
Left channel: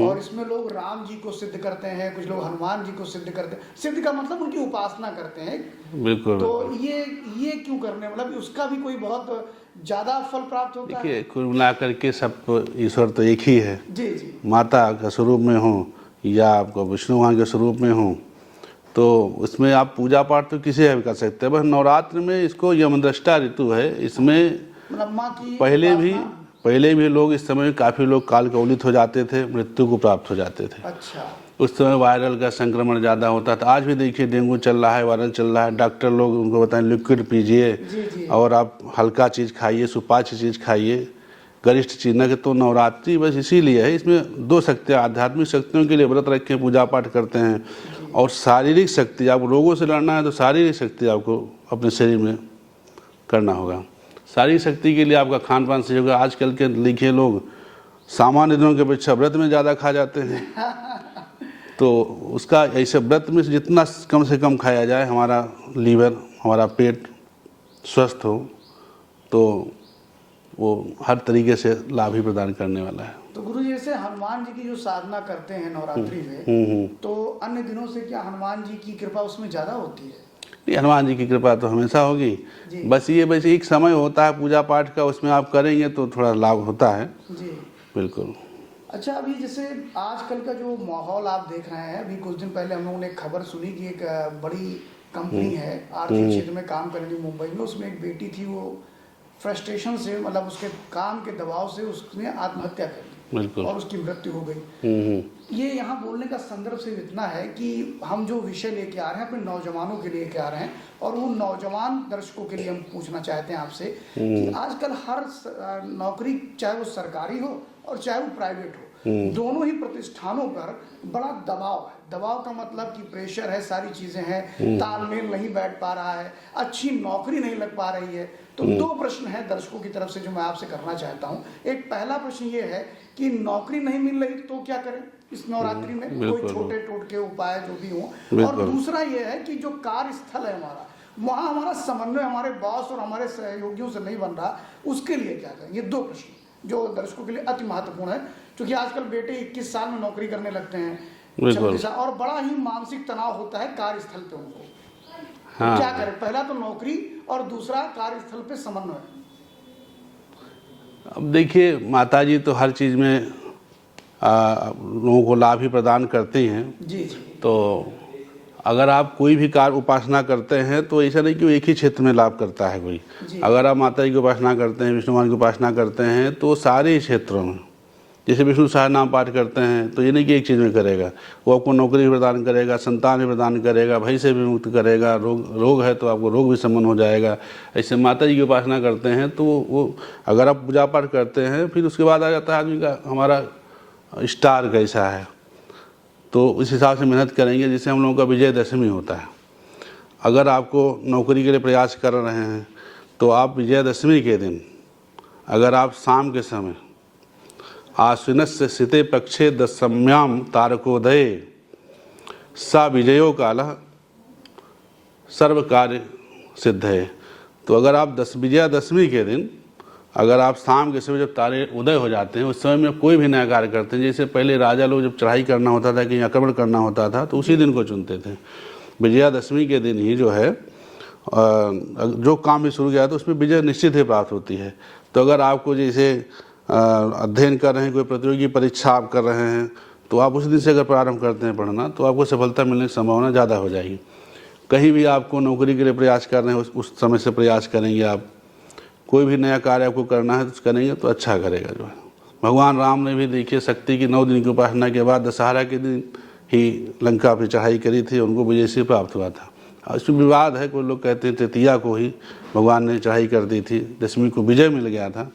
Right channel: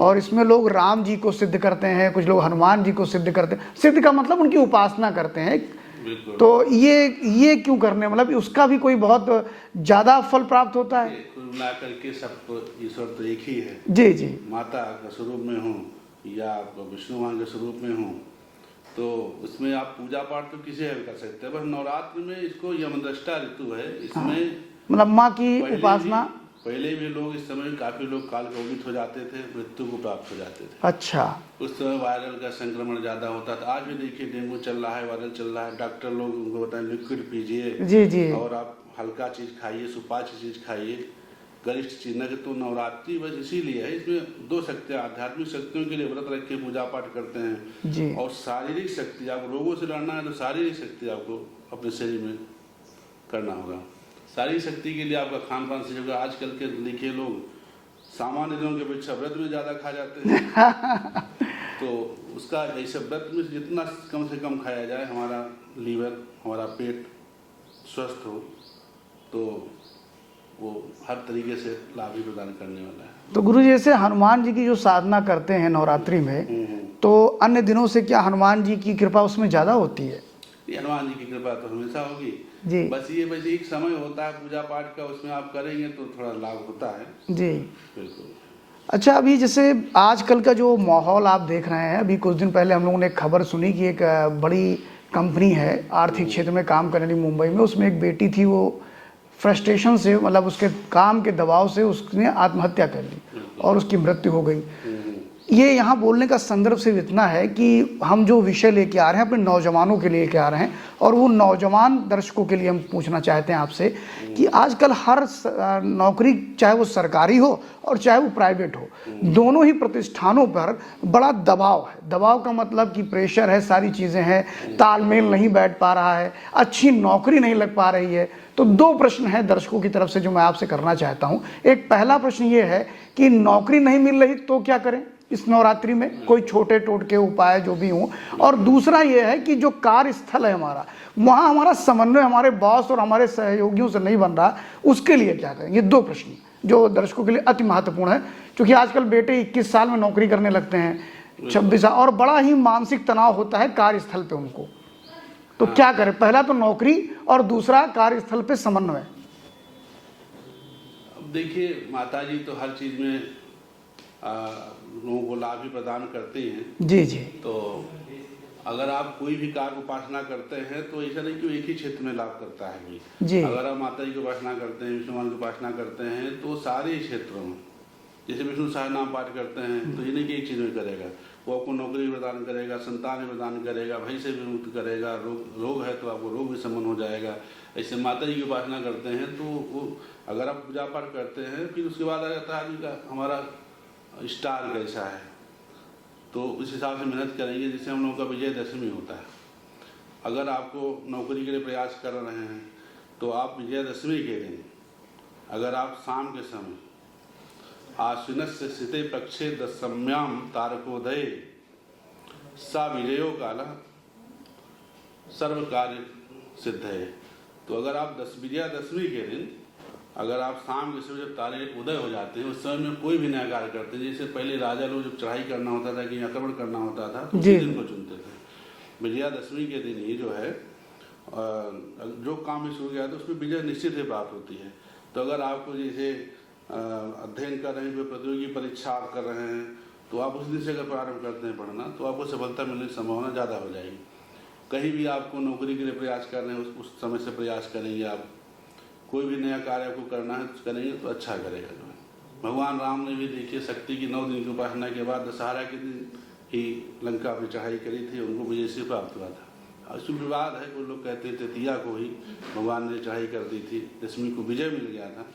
और इसमें लोग राम जी को सिद्ध करते हैं, कुछ लोग हनुमान जी को सिद्ध करते हैं। सिद्ध का मतलब उनकी उपासना करते हैं। बिल्कुल। तो ये क्यों करने, मतलब उसका भी कोई बहुत ज्यादा फल प्राप्त होता है? कुल मिला करके सब ईश्वर तो एक ही है। जी जी। माता के स्वरूप में हो या आपको विष्णु भगवान के स्वरूप में हो, तो उसमें आप पूजा पाठ तो किसी भी कर सकते हैं। बस नवरात्र में इसको यमदृष्टा ऋतु है, इसमें मतलब माँ की पहले भी लोग इस समय काफ़ी लोग काल कवलित हो जाते थे, मृत्यु को प्राप्त हो जाते थे। अच्छा। उस समय वायरल का संक्रमण ज़्यादा होता था। आज भी देखिए डेंगू चल रहा है, वायरल चल रहा है। डॉक्टर लोग उनको बताएं लिक्विड पीजिए जी जी, और आप हल्का चीज़ खाइए, सुपाच्य चीज़ खाइए, गरिष्ठ चीज न। तो नवरात्रि बस इसीलिए है, इसमें दो शक्तियाँ, आध्यात्मिक शक्तियों के लिए व्रत रख के पूजा पाठ करते हैं, और शारीरिक शक्ति, आप रोगों से लड़ना है तो शारीरिक शक्ति आपको अपने शरीर में करना होगा। शारीरिक शक्ति के लिए आपका खान पान सही होगा। आजकल के लिखे लोग सामान्य दिनों के अपेक्षा व्रत में ज़्यादा खा जाते हैं। तो उसका ऐसे व्रत में जितना कम से कम खाया जाए, हमारा लीवर, हमारा पेट स्वस्थ हो, तो वो हर तरीके से लाभ ही प्रदान करने वाला है। तो गुरु जी जैसे हनुमान जी की जो साधना करते हैं नवरात्रि में, तो अन्य दिनों से क्या हनुमान जी की कृपा उसमें ज़्यादा होती है? हनुमान जी की कृपा तो हमेशा होगी जी। बस एक समय होता है पूजा पाठ का, उसमें आप करेंगे तो थोड़ा लाभ होता है जी। बिल्कुल। अच्छा, अभी जैसे आजकल का जो माहौल आप देख रहे हैं, अभी कुछ दिन पहले हम लोगों ने एक खबर सुनी कि एक बड़ी कंपनी है आर्थिक क्षेत्र में काम कर रही मुंबई में, उसमें एक बेटी थी, वो फ्रस्ट्रेशन से, मतलब उसके काम के दबाव से उसने आत्महत्या कर ली और उसकी मृत्यु हो गई। ये यहाँ बोलने का संदर्भ सिर्फ इतना है कि हम जो विषय लेके आ रहे हैं अपने नौजवानों के लिए लेके आ रहे हैं, और वो नौजवान दर्शकों के लिए हम पूछना चाहते हैं आपसे कि आजकल हर नौकरी, चाहे वो सरकारी हो और चाहे वो प्राइवेट हो, दोनों ही प्रतिष्ठानों पर बड़ा दबाव है। दबाव का मतलब कि प्रेशर है, सारी चीज़ें हैं, तालमेल नहीं बैठ पा रहा है, अच्छी नौकरी नहीं लग पा रही है। तो दो प्रश्न हैं दर्शकों की तरफ से जो मैं आपसे करना चाहता हूँ। एक पहला प्रश्न ये है कि नौकरी नहीं मिल रही तो क्या करें इस नवरात्रि में, कोई छोटे टोटके उपाय जो भी हों, और दूसरा ये है कि जो कार्यस्थल है हमारा, वहाँ हमारा समन्वय हमारे बॉस और हमारे सहयोगियों से नहीं बन रहा, उसके लिए क्या करें? ये दो प्रश्न जो दर्शकों के लिए अति महत्वपूर्ण है, क्योंकि आजकल बेटे 21 साल में नौकरी करने लगते हैं, 26 साल, और बड़ा ही मानसिक तनाव होता है कार्यस्थल पे उनको। तो क्या करें? पहला तो नौकरी और दूसरा कार्यस्थल पे समन्वय। अब देखिए, माता जी तो हर चीज़ में लोगों को लाभ ही प्रदान करते हैं जी जी। तो अगर आप कोई भी कार्य उपासना करते हैं तो ऐसा नहीं कि वो एक ही क्षेत्र में लाभ करता है कोई जी। अगर आप माता जी की उपासना करते हैं, विष्णु भगवान की उपासना करते हैं, तो सारे क्षेत्रों में, जैसे विष्णु सहस्त्रनाम पाठ करते हैं तो ये नहीं कि एक चीज़ में करेगा, वो आपको नौकरी भी प्रदान करेगा, संतान भी प्रदान करेगा, भय से भी मुक्त करेगा, रोग है तो आपको रोग भी शमन हो जाएगा। ऐसे माता जी की उपासना करते हैं तो वो, अगर आप पूजा पाठ करते हैं, फिर उसके बाद आ जाता है आदमी का हमारा स्टार कैसा है। तो इस हिसाब से मेहनत करेंगे जिससे हम लोगों का विजयदशमी होता है। अगर आपको नौकरी के लिए प्रयास कर रहे हैं तो आप विजयदशमी के दिन अगर आप शाम के समय आश्विनस्य सिते पक्षे दशम्याम तारकोदये सा विजयो कालः सर्व कार्य सिद्ध है। तो अगर आप विजयादशमी के दिन अगर आप शाम के समय जब तारे उदय हो जाते हैं उस समय में कोई भी नया कार्य करते हैं, जैसे पहले राजा लोग जब चढ़ाई करना होता था कि आक्रमण करना होता था तो उसी दिन को चुनते थे। विजयादशमी के दिन ही जो है जो काम भी शुरू किया तो उसमें विजय निश्चित ही प्राप्त होती है। तो अगर आपको जैसे अध्ययन कर रहे हैं, कोई प्रतियोगी परीक्षा आप कर रहे हैं तो आप उस दिन से अगर प्रारंभ करते हैं पढ़ना तो आपको सफलता मिलने की संभावना ज़्यादा हो जाएगी। कहीं भी आपको नौकरी के लिए प्रयास कर रहे हैं उस समय से प्रयास करेंगे। आप कोई भी नया कार्य आपको करना है तो करेंगे तो अच्छा करेगा जो है। भगवान राम ने भी देखिए शक्ति की 9 दिन की उपासना के बाद दशहरा के दिन ही लंका पर चढ़ाई करी थी, उनको विजय से प्राप्त हुआ था। इसमें विवाद है, कोई लोग कहते हैं तृतीया को ही भगवान ने चढ़ाई कर दी थी, दशमी को विजय मिल गया था,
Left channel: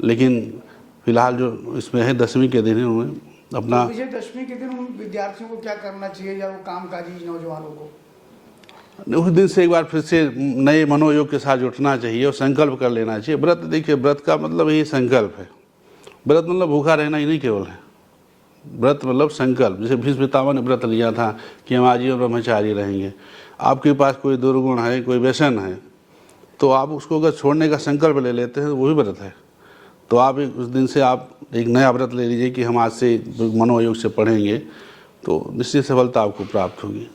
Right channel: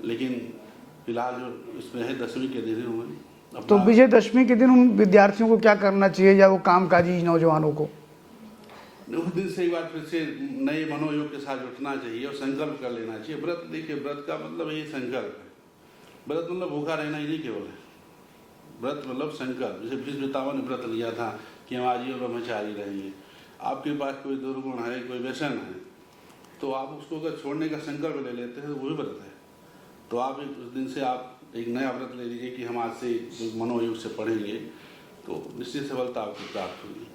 लेकिन फिलहाल जो इसमें है दशमी के दिन उन्होंने अपना। तो विजयदशमी के दिन उन विद्यार्थियों को क्या करना चाहिए या वो कामकाजी नौजवानों को? उस दिन से एक बार फिर से नए मनोयोग के साथ जुटना चाहिए और संकल्प कर लेना चाहिए। व्रत देखिए, व्रत का मतलब यही संकल्प है। व्रत मतलब भूखा रहना ही नहीं केवल है, व्रत मतलब संकल्प। जैसे भीष्म पितामह ने व्रत लिया था कि हम आजीवन ब्रह्मचारी रहेंगे। आपके पास कोई दुर्गुण है, कोई व्यसन है, तो आप उसको अगर छोड़ने का संकल्प ले लेते हैं तो वही व्रत है। तो आप उस दिन से आप एक नया व्रत ले लीजिए कि हम आज से मनोयोग से पढ़ेंगे, तो निश्चित सफलता आपको प्राप्त होगी।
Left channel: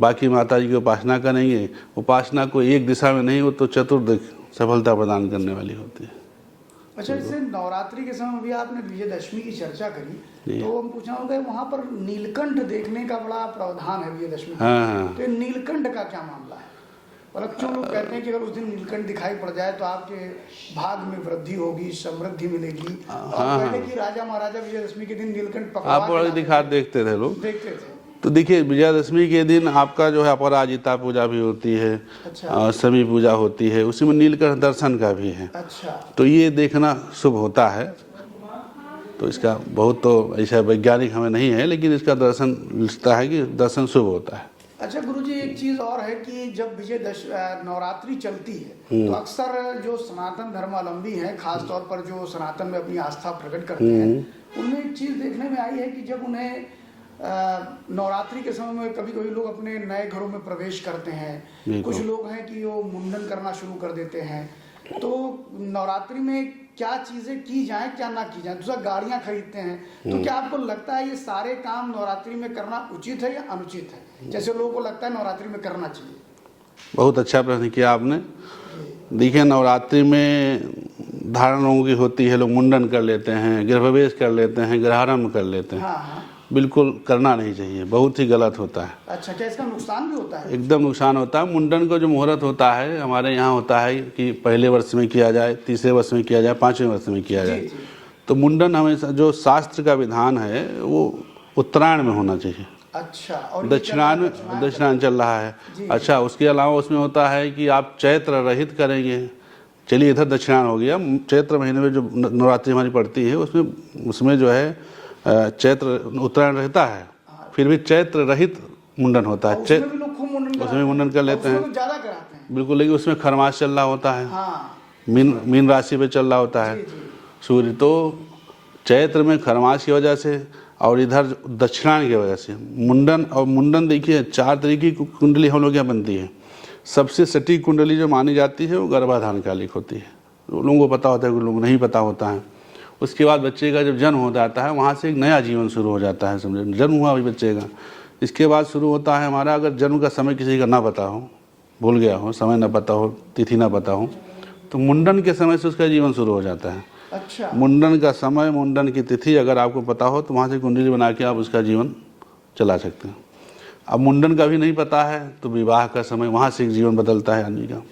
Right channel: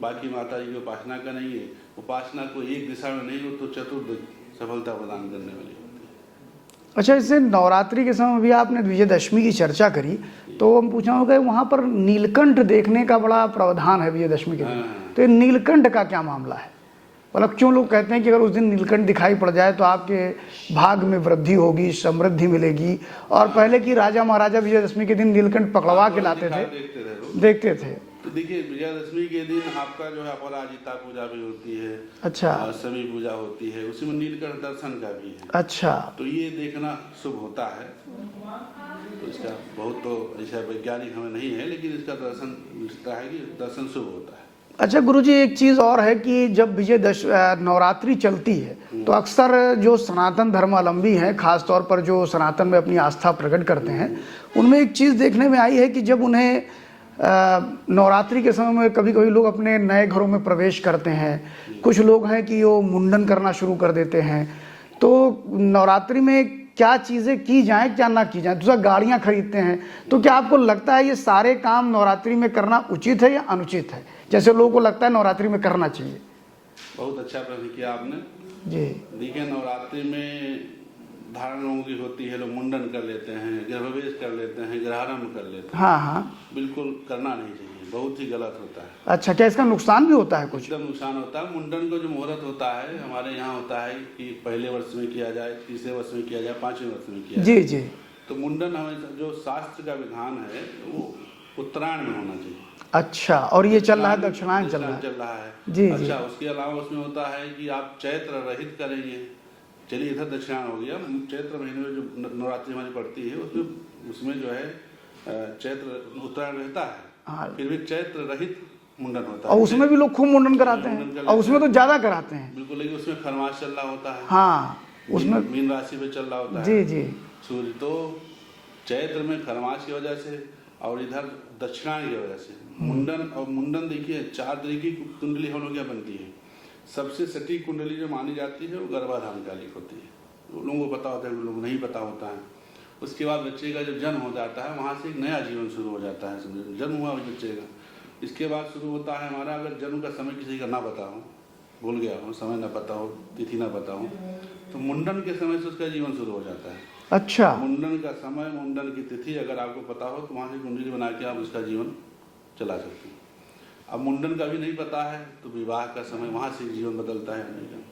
बाकी माता जी की उपासना करेंगे, उपासना को एक दिशा में नहीं, वो तो चतुर्दिक सफलता प्रदान करने वाली होती है। अच्छा, जैसे नवरात्रि के समय भी आपने विजयदशमी की चर्चा करी, तो हम पूछना होगा वहाँ पर नीलकंठ देखने का बड़ा प्रावधान है विजयदशमी के दिन। तो ये नीलकंठ का क्या मामला है? मतलब क्यों लोग कहते हैं कि अगर उस दिन नीलकंठ दिखाई पड़ जाए तो आपके भाग में वृद्धि होगी, समृद्धि मिलेगी। और पहले की राजा महाराजा विजयदशमी के दिन नीलकंठ पकड़वा के लाते थे, देखते थे लोग, देखते थे। तो देखिए विजयादशमी के दिन आपका जो है अपराजिता पूजा भी होती है, अच्छा, समी पूजा होती है, उसी में नीलकंठ दर्शन का भी है। अच्छा, तो ये देखना शुभ होता है। तो इसका बहुत तो ऐसा वैज्ञानिक हमें नहीं है, लेकिन इसका दर्शन लिखता है कि दर्शन शुभ होता है। अच्छा गुरुजी, एक चीज़ और है कि जब नवरात्रि चलती है तो अक्सर जो सनातन धर्मावलंबी हैं, खास तौर पर जो सनातन में अपनी आस्था प्रकट करते हैं, उनमें एक चीज़ देखने में आई है कि जब उन्हें नवरात्रि के समय में कभी कभी लोग अपने नए घरों में प्रवेश करते हैं, कुछ लोग हैं कि वो मुंडन करना शुरू कर देते हैं। तो नवरात्रि में क्या चीज़ें की जाएं, क्या ना की जाएं? दूसरा, गाड़ियां खरीदते हैं, तो क्या आपको लगता है ये सारे काम नवरात्रि में करना उचित है या अनुचित है, जैसे लोगों को लगता है नवरात्रि में करना चाहिए? बहुत अच्छा प्रश्न किया आपने जी। देखिए, नवरात्रि में धारण लोगों की होती है, लोग मुंडन कर लेते हैं, गृहप्रवेश कर लेते हैं, गृहारंभ कर लेते हैं। हाँ हाँ, बिल्कुल करना नहीं चाहिए, बहुत ही गलत होता है। अच्छा, क्या इसका नुकसान भी होता है? एकदम नुकसान होता है। मुंडन का जो मुहूर्त होता है हमारे यहाँ होता है कि पहले वर्ष में किया जाए, तीसरे वर्ष में किया जाए, 5वें वर्ष में किया जाए। जी जी। तो मुंडन हमेशा जो शास्त्र का विधान है वो उत्तरायण में होना चाहिए। अच्छा, और ये दक्षिणायन चल रहा है। जी, अच्छा, उसके अलावा उसमें होता है कि आप चैत्र रहित करेंगे। चलिए, इधर दक्षिणायन हो गया। चैत्र महीने में जो नवरात्रि हमारी पड़ती है उसमें जो है चैत्र उत्तरायण रहता है, फिर भी चैत्र रहित मुंडन होता है। उसमें भी लोग खूब मुंडन कराते हैं, मुंडन कर लेते हैं, उसमें तो ज्यादा कराते हैं। बिल्कुल, लेकिन उसमें खरमास चल रहा होता है। हाँ, मीन राशि पे चल रहा होता है। जी जी। सूर्य तो चैत्र में खरमास की वजह से और इधर दक्षिणायन की वजह से मुंडन। और मुंडन देखिए 4 तरीके की कुंडली हम लोग यहाँ बनती है। सबसे सटीक कुंडली जो मानी जाती है वो गर्भाधान कालिक होती है। लोगों को पता होता है, लोगों को नहीं पता होता है। उसके बाद बच्चे का जब जन्म हो जाता है वहाँ से एक नया जीवन शुरू हो जाता है। समझे, जन्म हुआ अभी बच्चे का, इसके बाद शुरू होता है हमारा, अगर जन्म का समय किसी का ना पता हो, भूल गया हो, समय ना पता हो, तिथि ना पता हो, तो मुंडन के समय से उसका जीवन शुरू हो जाता है। अच्छा, मुंडन का समय, मुंडन की तिथि अगर आपको पता हो तो वहाँ से कुंडली बना के आप उसका जीवन चला सकते हैं। अब मुंडन का भी नहीं पता है तो विवाह का समय, वहाँ से एक जीवन बदलता है आदमी का।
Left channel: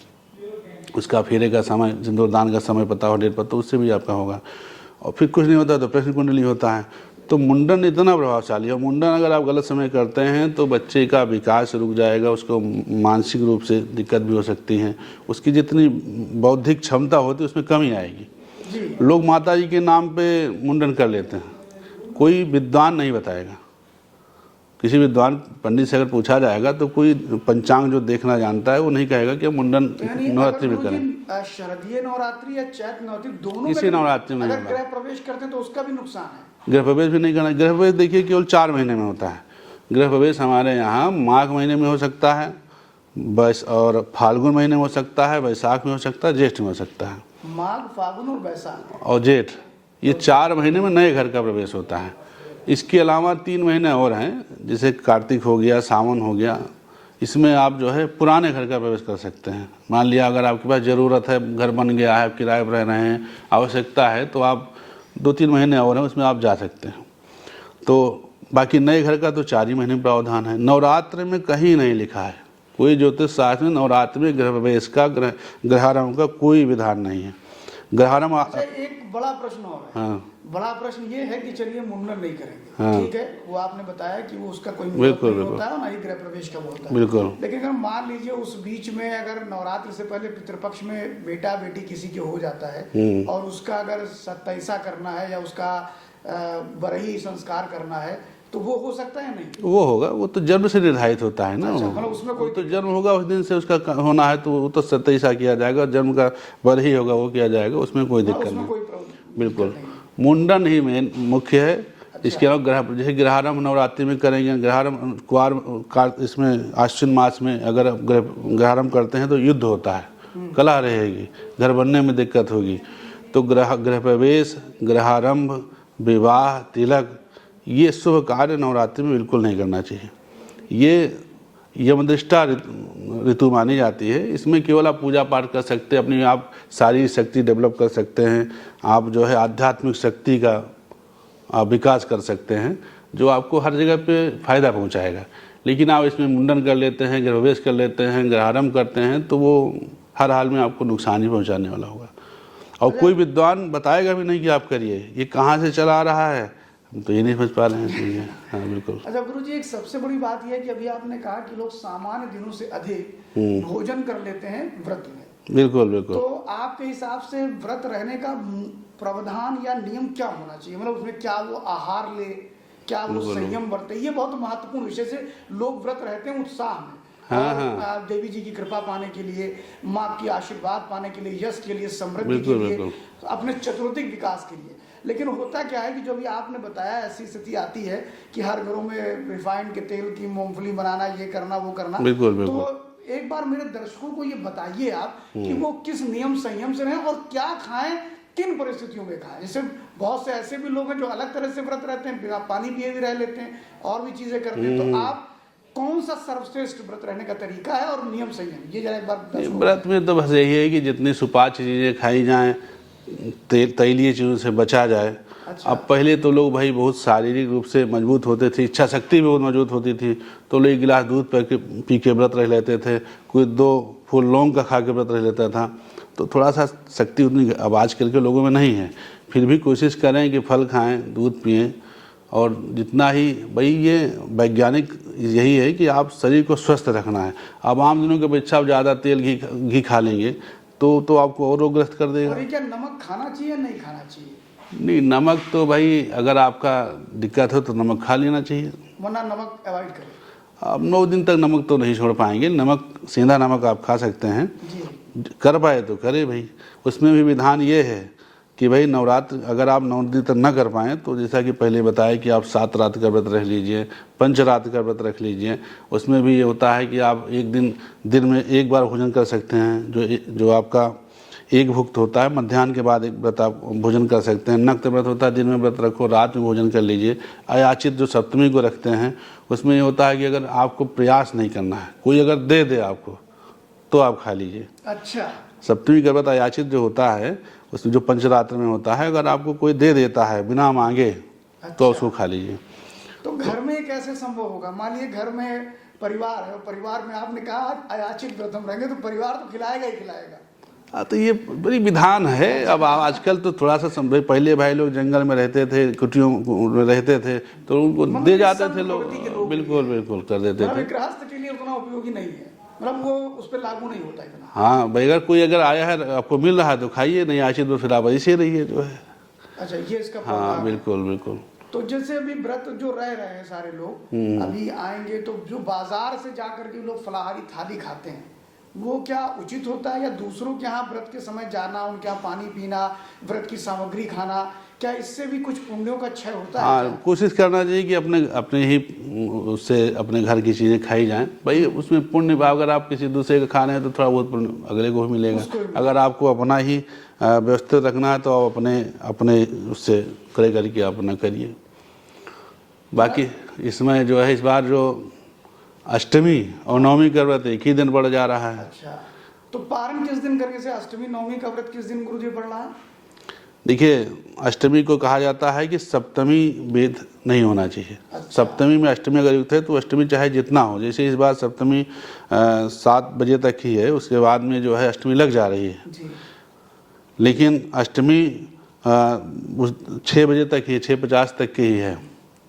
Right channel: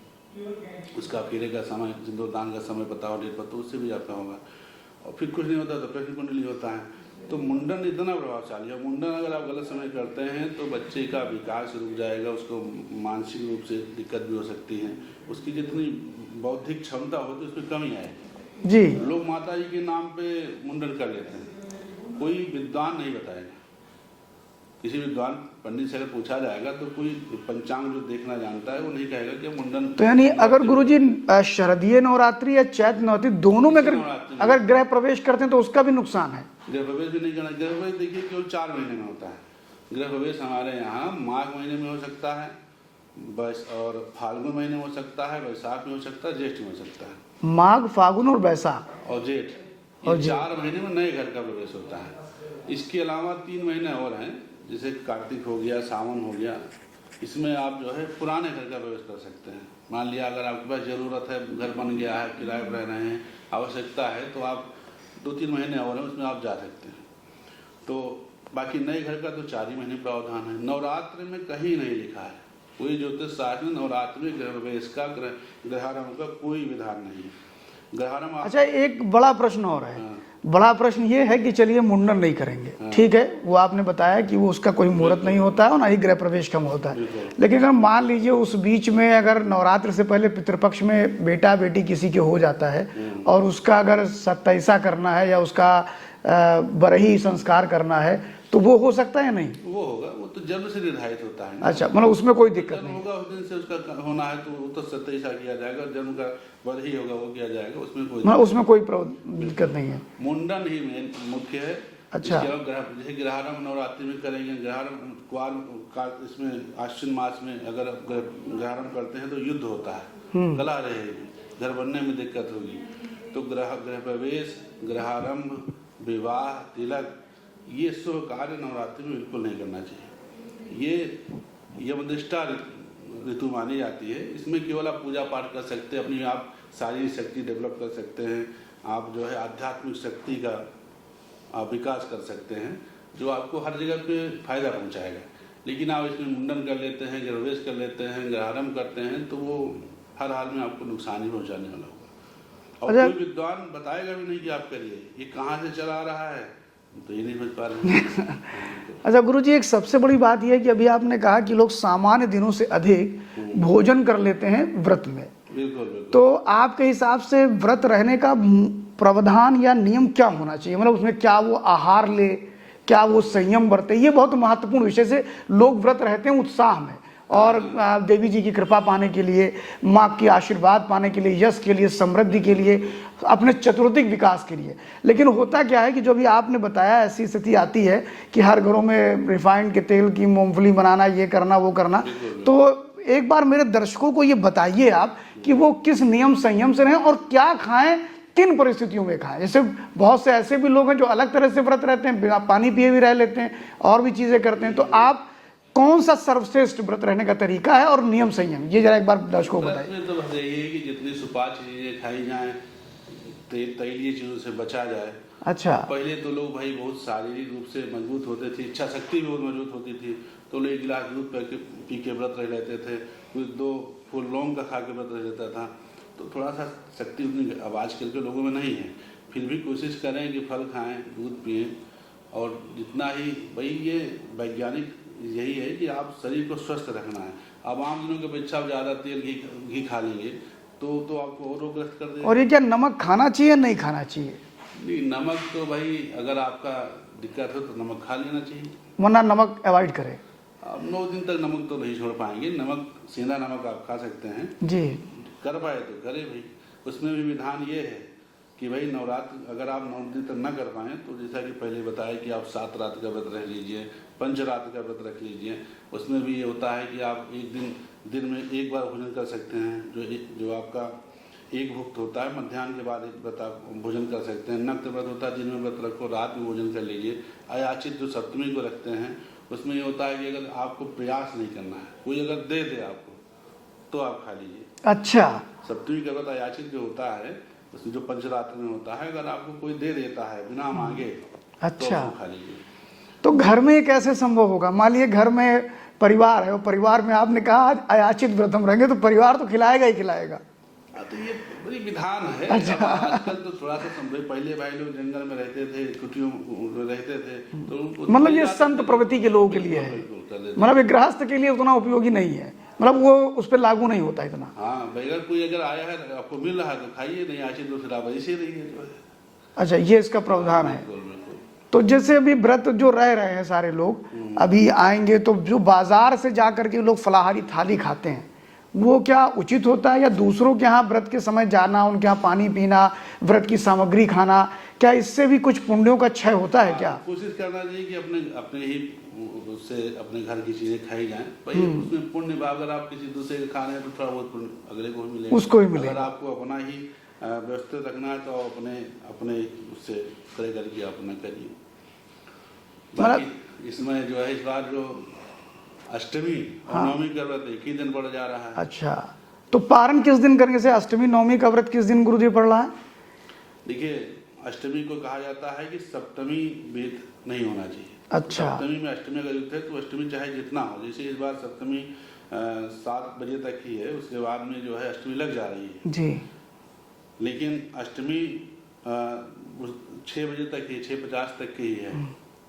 उसका फेरे का समय, सिंदूरदान का समय पता हो, डेट पता, उससे भी आपका होगा। और फिर कुछ नहीं होता तो प्रश्न कुंडली होता है। तो मुंडन इतना प्रभावशाली है। मुंडन अगर आप गलत समय करते हैं तो बच्चे का विकास रुक जाएगा, उसको मानसिक रूप से दिक्कत भी हो सकती है, उसकी जितनी बौद्धिक क्षमता होती है उसमें कमी आएगी जी। लोग माता जी के नाम पे मुंडन कर लेते हैं, कोई विद्वान नहीं बताएगा। किसी विद्वान पंडित से अगर पूछा जाएगा तो कोई पंचांग जो देखना जानता है वो नहीं कहेगा कि मुंडन। तो यानी अगर गुरुजी शरदीय नवरात्रि या चैत नवरात्रि दोनों में अगर गृह प्रवेश करते हैं तो उसका भी नुकसान है? गृह प्रवेश भी नहीं करना। गृह प्रवेश देखिए केवल 4 महीने में होता है। गृह प्रवेश हमारे यहाँ माघ महीने में हो सकता है, और फाल्गुन महीने में हो सकता है, वैशाख में हो सकता है, ज्येष्ठ में हो सकता है। माघ, फागुन और वैशाख और जेठ, ये 4 महीने में नए घर का प्रवेश होता है। इसके अलावा 3 महीने और हैं, जैसे कार्तिक हो गया, सावन हो गया, इसमें आप जो है पुराने घर का प्रवेश कर सकते हैं। मान लिया अगर आपके पास ज़रूरत है, घर बन गया है, किराए पर रह रहे हैं, आवश्यकता है, तो आप 2-3 महीने और हैं उसमें आप जा सकते हैं। तो बाकी नए घर का तो 4 ही महीने प्रावधान है। नवरात्र में कहीं नहीं लिखा है, कोई ज्योतिष शास्त्र में नवरात्र में गृह प्रवेश का, गृहारंभ का कोई विधान नहीं है। गृहारंभ। अच्छा, एक बड़ा प्रश्न और है। हाँ। बड़ा प्रश्न ये है कि चलिए मुंडन नहीं करेंगे, हाँ। ठीक है, वो आपने बताया कि वो उसका कोई मुहूर्त नहीं होता है और ना ही गृह प्रवेश का होता है, लेकिन अगर मान लीजिए उस बीच में अगर नवरात्र से पहले पितृपक्ष में बेटा बेटी किसी के हो जाता है और उसका अगर सत्ताईसा करना है या उसका बरही संस्कार करना है तो वो हो सकता है? नहीं, वो होगा, वो तो जन्म से निर्धारित होता है ना। अच्छा, मतलब उसमें कोई तो जन्म होगा उस दिन से उसका होना है तो वो तो 27 किया जाएगा, जन्म का बरही होगा वो किया जाएगा, उसमें कोई दिक्कत नहीं है। मुंडन ही मेन मुख्य है। अच्छा। इसके अलावा जैसे गृहारंभ नवरात्रि में करेंगे, गृहारंभ कुआर इसमें आश्विन मास में अगर गृहारंभ करते हैं तो युद्ध होता है, कलह रहेगी, घर बनने में दिक्कत होगी। तो गृह प्रवेश, गृहारंभ, विवाह, तिलक, ये शुभ कार्य नवरात्रि में बिल्कुल नहीं करना चाहिए। ये यमदृष्टा ऋतु मानी जाती है। इसमें केवल आप पूजा पाठ कर सकते हैं, अपनी आप शारीरिक शक्ति डेवलप कर सकते हैं, आप जो है आध्यात्मिक शक्ति का आप विकास कर सकते हैं, जो आपको हर जगह पे फायदा पहुंचाएगा। लेकिन आप इसमें मुंडन कर लेते हैं, गृह प्रवेश कर लेते हैं, गृहारंभ करते हैं, तो वो हर हाल में आपको नुकसान ही पहुँचाने वाला होगा। और कोई विद्वान बताएगा भी नहीं कि आप करिए, ये कहाँ से चला आ रहा है तो ये नहीं समझ पा रहे हैं। हाँ, बिल्कुल। अच्छा गुरुजी, एक सबसे बड़ी बात यह है कि अभी आपने कहा कि लोग सामान्य दिनों से अधिक भोजन कर लेते हैं व्रत में। बिल्कुल बिल्कुल। तो आपके हिसाब से व्रत रहने का प्रावधान या नियम क्या होना चाहिए? मतलब उसमें क्या वो आहार ले, क्या वो संयम बरते? ये बहुत महत्वपूर्ण विषय से लोग व्रत रहते हैं उत्साह में और देवी जी की कृपा पाने के लिए, माँ की आशीर्वाद पाने के लिए, यश के लिए, समृद्धि के लिए, अपने चतुर्दिक विकास के लिए। लेकिन होता क्या है कि जो भी आपने बताया ऐसी स्थिति आती है कि हर घरों में रिफाइंड के तेल की मूंगफली बनाना, ये करना वो करना। तो एक बार मेरे दर्शकों को ये बताइए आप कि वो किस नियम संयम से रहें और क्या खाएं, किन परिस्थितियों में खाएं। जैसे बहुत से ऐसे भी लोग हैं जो अलग तरह से व्रत रहते हैं, बिना पानी पिए भी रह लेते हैं और भी चीजें करते हैं। तो आप कौन सा सर्वश्रेष्ठ व्रत रहने का तरीका है और नियम संयम, ये जरा एक बार दर्शकों को व्रत में तो बस यही है कि जितनी सुपाच्य चीजें खाई जाएं, तैलीय चीजों से बचा जाए। अच्छा। अब पहले तो लोग भाई बहुत शारीरिक रूप से मजबूत होते थे, इच्छा शक्ति भी बहुत मजबूत होती थी, तो लोग 1 गिलास दूध पी के व्रत रह लेते थे, कोई 2 फूल लौंग का खा के व्रत रह लेता था। तो थोड़ा सा शक्ति उतनी अब आजकल के लोगों में नहीं है। फिर भी कोशिश करें कि फल खाएं, दूध पिएं, और जितना ही भाई ये वैज्ञानिक यही है कि आप शरीर को स्वस्थ रखना है। अब आम दिनों के अपेक्षा आप ज़्यादा तेल घी खा लेंगे तो आपको और रोगग्रस्त कर देगा। और ये क्या नमक खाना चाहिए नहीं खाना चाहिए? नहीं, नमक तो भाई अगर आपका दिक्कत हो तो नमक खा लेना चाहिए, वरना नमक अवॉइड करें। आप 9 दिन तक नमक तो नहीं छोड़ पाएंगे। नमक, सेंधा नमक आप खा सकते हैं जी, कर पाए तो करे भाई। उसमें भी विधान ये है कि भाई नवरात्र अगर आप 9 दिन तक न कर पाएँ तो जैसा कि पहले बताया कि आप 7 रात का व्रत रख लीजिए, 5 रात का व्रत रख लीजिए। उसमें भी ये होता है कि आप एक दिन में 1 बार भोजन कर सकते हैं, जो आपका एक भुक्त होता है, मध्याह्न के बाद एक व्रत आप भोजन कर सकते हैं। नक्त व्रत होता है, दिन में व्रत रखो, रात में भोजन कर लीजिए। अयाचित जो सप्तमी को रखते हैं उसमें ये होता है कि अगर आपको प्रयास नहीं करना है, कोई अगर दे आपको तो आप खा लीजिए। अच्छा, सप्तमी का व्रत अयाचित जो होता है उसमें जो पंचरात्र में होता है, अगर आपको कोई दे देता है बिना मांगे, अच्छा, तो उसको खा लीजिए। तो घर में ये कैसे संभव होगा? मान लीजिए घर में परिवार है और परिवार में आपने कहा अयाचित व्रत हम रहेंगे, तो परिवार तो खिलाएगा ही खिलाएगा। तो ये बड़ी विधान है। अच्छा। अब आजकल तो थोड़ा सा पहले भाई लोग जंगल में रहते थे, कुटियों में रहते थे, तो उनको दे जाते थे। प्रवृत्ति के लोग बिल्कुल कर देते, मतलब गृहस्थ के लिए उतना उपयोगी नहीं है, मतलब वो उस पर लागू नहीं होता इतना। हाँ भाई, अगर कोई अगर आया है आपको मिल रहा है तो खाइए, नहीं आचित तो फिर आप ऐसे रहिए जो है। अच्छा, ये इसका प्रावधान है। बिल्कुल बिल्कुल। तो जैसे अभी व्रत जो रह रहे हैं सारे लोग अभी आएंगे, तो जो बाजार से जा करके लोग फलाहारी थाली खाते हैं, वो क्या उचित होता है, या दूसरों के यहाँ व्रत के समय जाना, उनके यहाँ पानी पीना, व्रत की सामग्री खाना, क्या इससे भी कुछ पुण्यों का क्षय होता है क्या? कोशिश करना चाहिए कि अपने अपने ही उससे अपने घर की चीज़ें खाई जाएं भाई, उसमें पुण्य भाव। अगर आप किसी दूसरे का खा रहे हैं तो थोड़ा बहुत पुण्य अगले को भी मिलेगा, उसको भी मिलेगा। अगर आपको अपना ही व्यवस्थित रखना है तो आप अपने उससे क्रय करके अपना करिए। बाकी इसमें जो है इस बार जो अष्टमी और नवमी का व्रत एक ही दिन पड़ जा रहा है। अच्छा, तो पारण किस दिन करने से? अष्टमी नवमी का व्रत किस दिन गुरुजी पड़ रहा है? देखिए, अष्टमी को कहा जाता है कि सप्तमी भेद नहीं होना चाहिए। अच्छा। सप्तमी में अष्टमी अगर युक्त है तो अष्टमी चाहे जितना हो, जैसे इस बार सप्तमी 7 बजे तक ही है, उसके बाद में जो है अष्टमी लग जा रही है जी। लेकिन अष्टमी 6 बजे तक ही, 6:50 तक की ही है,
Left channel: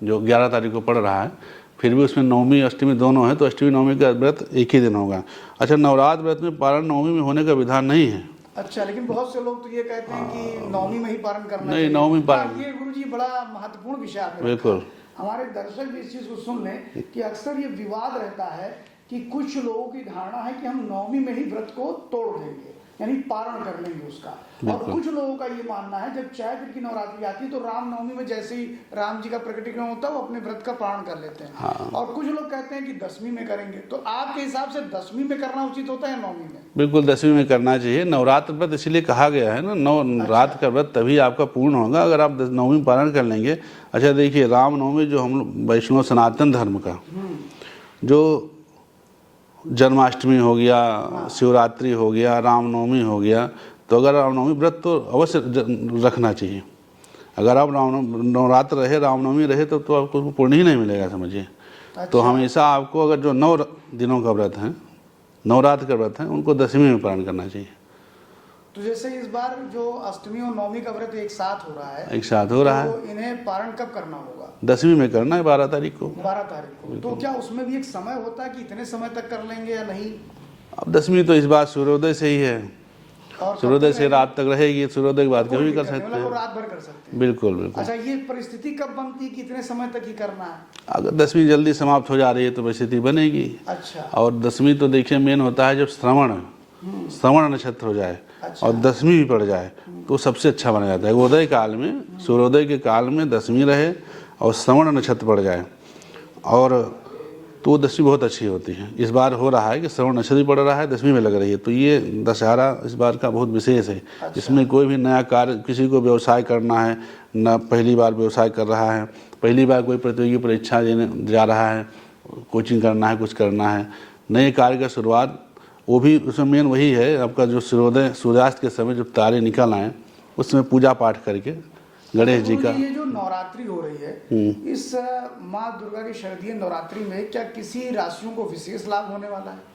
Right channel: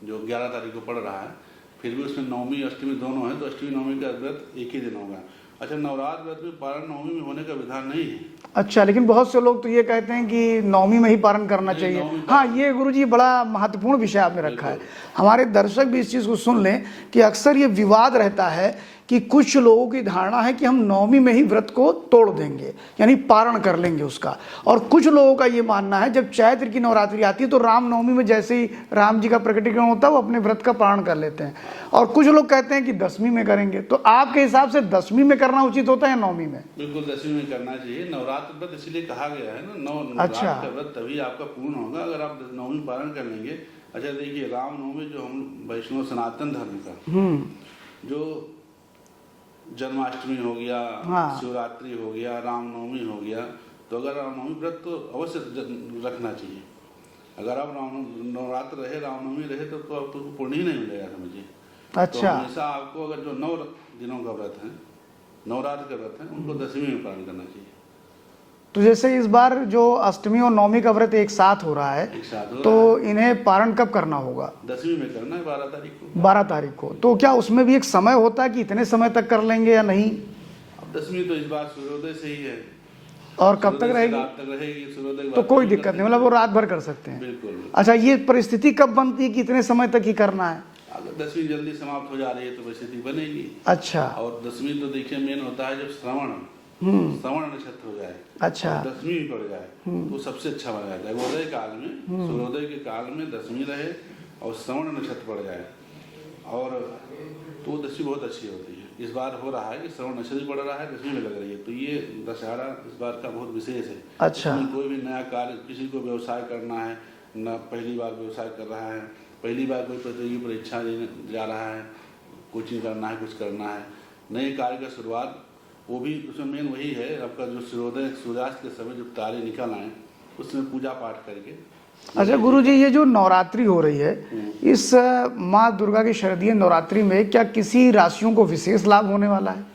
जो 11 तारीख को पड़ रहा है। फिर भी उसमें नवमी अष्टमी दोनों है, तो अष्टमी नवमी का व्रत एक ही दिन होगा। अच्छा, नवरात्र व्रत में पारण नवमी में होने का विधान नहीं है। अच्छा, लेकिन बहुत से लोग तो ये कहते हैं कि नवमी में ही पारण करना नहीं, चाहिए। नवमी हाँ, ये गुरुजी बड़ा महत्वपूर्ण विषय आपने रखा है। हमारे दर्शक भी इस चीज को सुन लें कि अक्सर ये विवाद रहता है कि कुछ लोगों की धारणा है कि हम नवमी में ही व्रत को तोड़ देंगे, यानी पारण कर लेंगे उसका, और कुछ लोगों का ये मानना है जब चैत्र की नवरात्रि आती है तो राम नवमी में जैसे ही राम जी का प्रकटीकरण होता है वो अपने व्रत का पारण कर लेते हैं। हाँ। और कुछ लोग कहते हैं कि 10वीं में करेंगे। तो आपके हिसाब से 10वीं में करना उचित होता है या नवमी में? बिल्कुल 10वीं में करना चाहिए। नवरात्र व्रत इसीलिए कहा गया है ना, रात का व्रत तभी आपका पूर्ण होगा अगर आप 9वीं में पारण कर लेंगे। अच्छा देखिए, राम नवमी जो हम लोग वैष्णव सनातन धर्म का जो जन्माष्टमी हो गया, शिवरात्रि हो गया, रामनवमी हो गया, तो अगर रामनवमी व्रत तो अवश्य रखना चाहिए। अगर आप नवरात्र रहे, रामनवमी रहे तो आपको पुण्य ही नहीं मिलेगा, समझिए। अच्छा। तो हमेशा आपको अगर जो 9 दिनों का व्रत है, नवरात्र का व्रत है, उनको 10वीं में पारण करना चाहिए। तो जैसे इस बार जो अष्टमी और नवमी का व्रत एक साथ हो रहा है, एक साथ हो रहा है, तो इन्हें पारण कब करना होगा? 10वीं में करना है, 12 तारीख को। 12 तारीख को। तो क्या उसमें भी एक समय होता है कि इतने समय तक कर लेंगे या नहीं? अब 10वीं तो इस बार सूर्योदय से ही है, और कब तक सूर्योदय से रहेगी? रात तक रहेगी। सूर्योदय के बाद कोई कभी कर दिक्कत नहीं, सकते मतलब वो हैं। रात भर कर सकते हैं। बिल्कुल बिल्कुल। अच्छा, ये परिस्थिति कब बनती है कि इतने समय तक ही करना है? अगर 10वीं जल्दी समाप्त हो जा रही है तो परिस्थिति बनेगी। अच्छा। और 10वीं तो देखिए मेन होता है जब श्रवण नक्षत्र हो जाए। अच्छा। और 10वीं भी पड़ जाए तो सबसे अच्छा बना जाता है। उदय काल में, सूर्योदय के काल में 10वीं रहे और श्रवण नक्षत्र पड़ जाए, और तो वो 10वीं बहुत अच्छी होती है। इस बार हो रहा है कि श्रवण नक्षत्र पड़ रहा है, 10वीं में लग रही है, तो ये दशहरा इस बार का बहुत विशेष है। अच्छा। इसमें कोई भी नया कार्य, किसी को व्यवसाय करना है, न पहली बार व्यवसाय कर रहा है, पहली बार कोई प्रतियोगी परीक्षा देने जा रहा है, कोचिंग करना है, कुछ करना है, नए कार्य का शुरुआत, वो भी उसमें मेन वही है आपका जो सूर्योदय सूर्यास्त के समय जब तारे निकल आए उसमें पूजा पाठ करके अच्छा गुरु जी, ये जो नवरात्रि हो रही है, इस माँ दुर्गा की शारदीय नवरात्रि में क्या किसी राशियों को विशेष लाभ होने वाला है?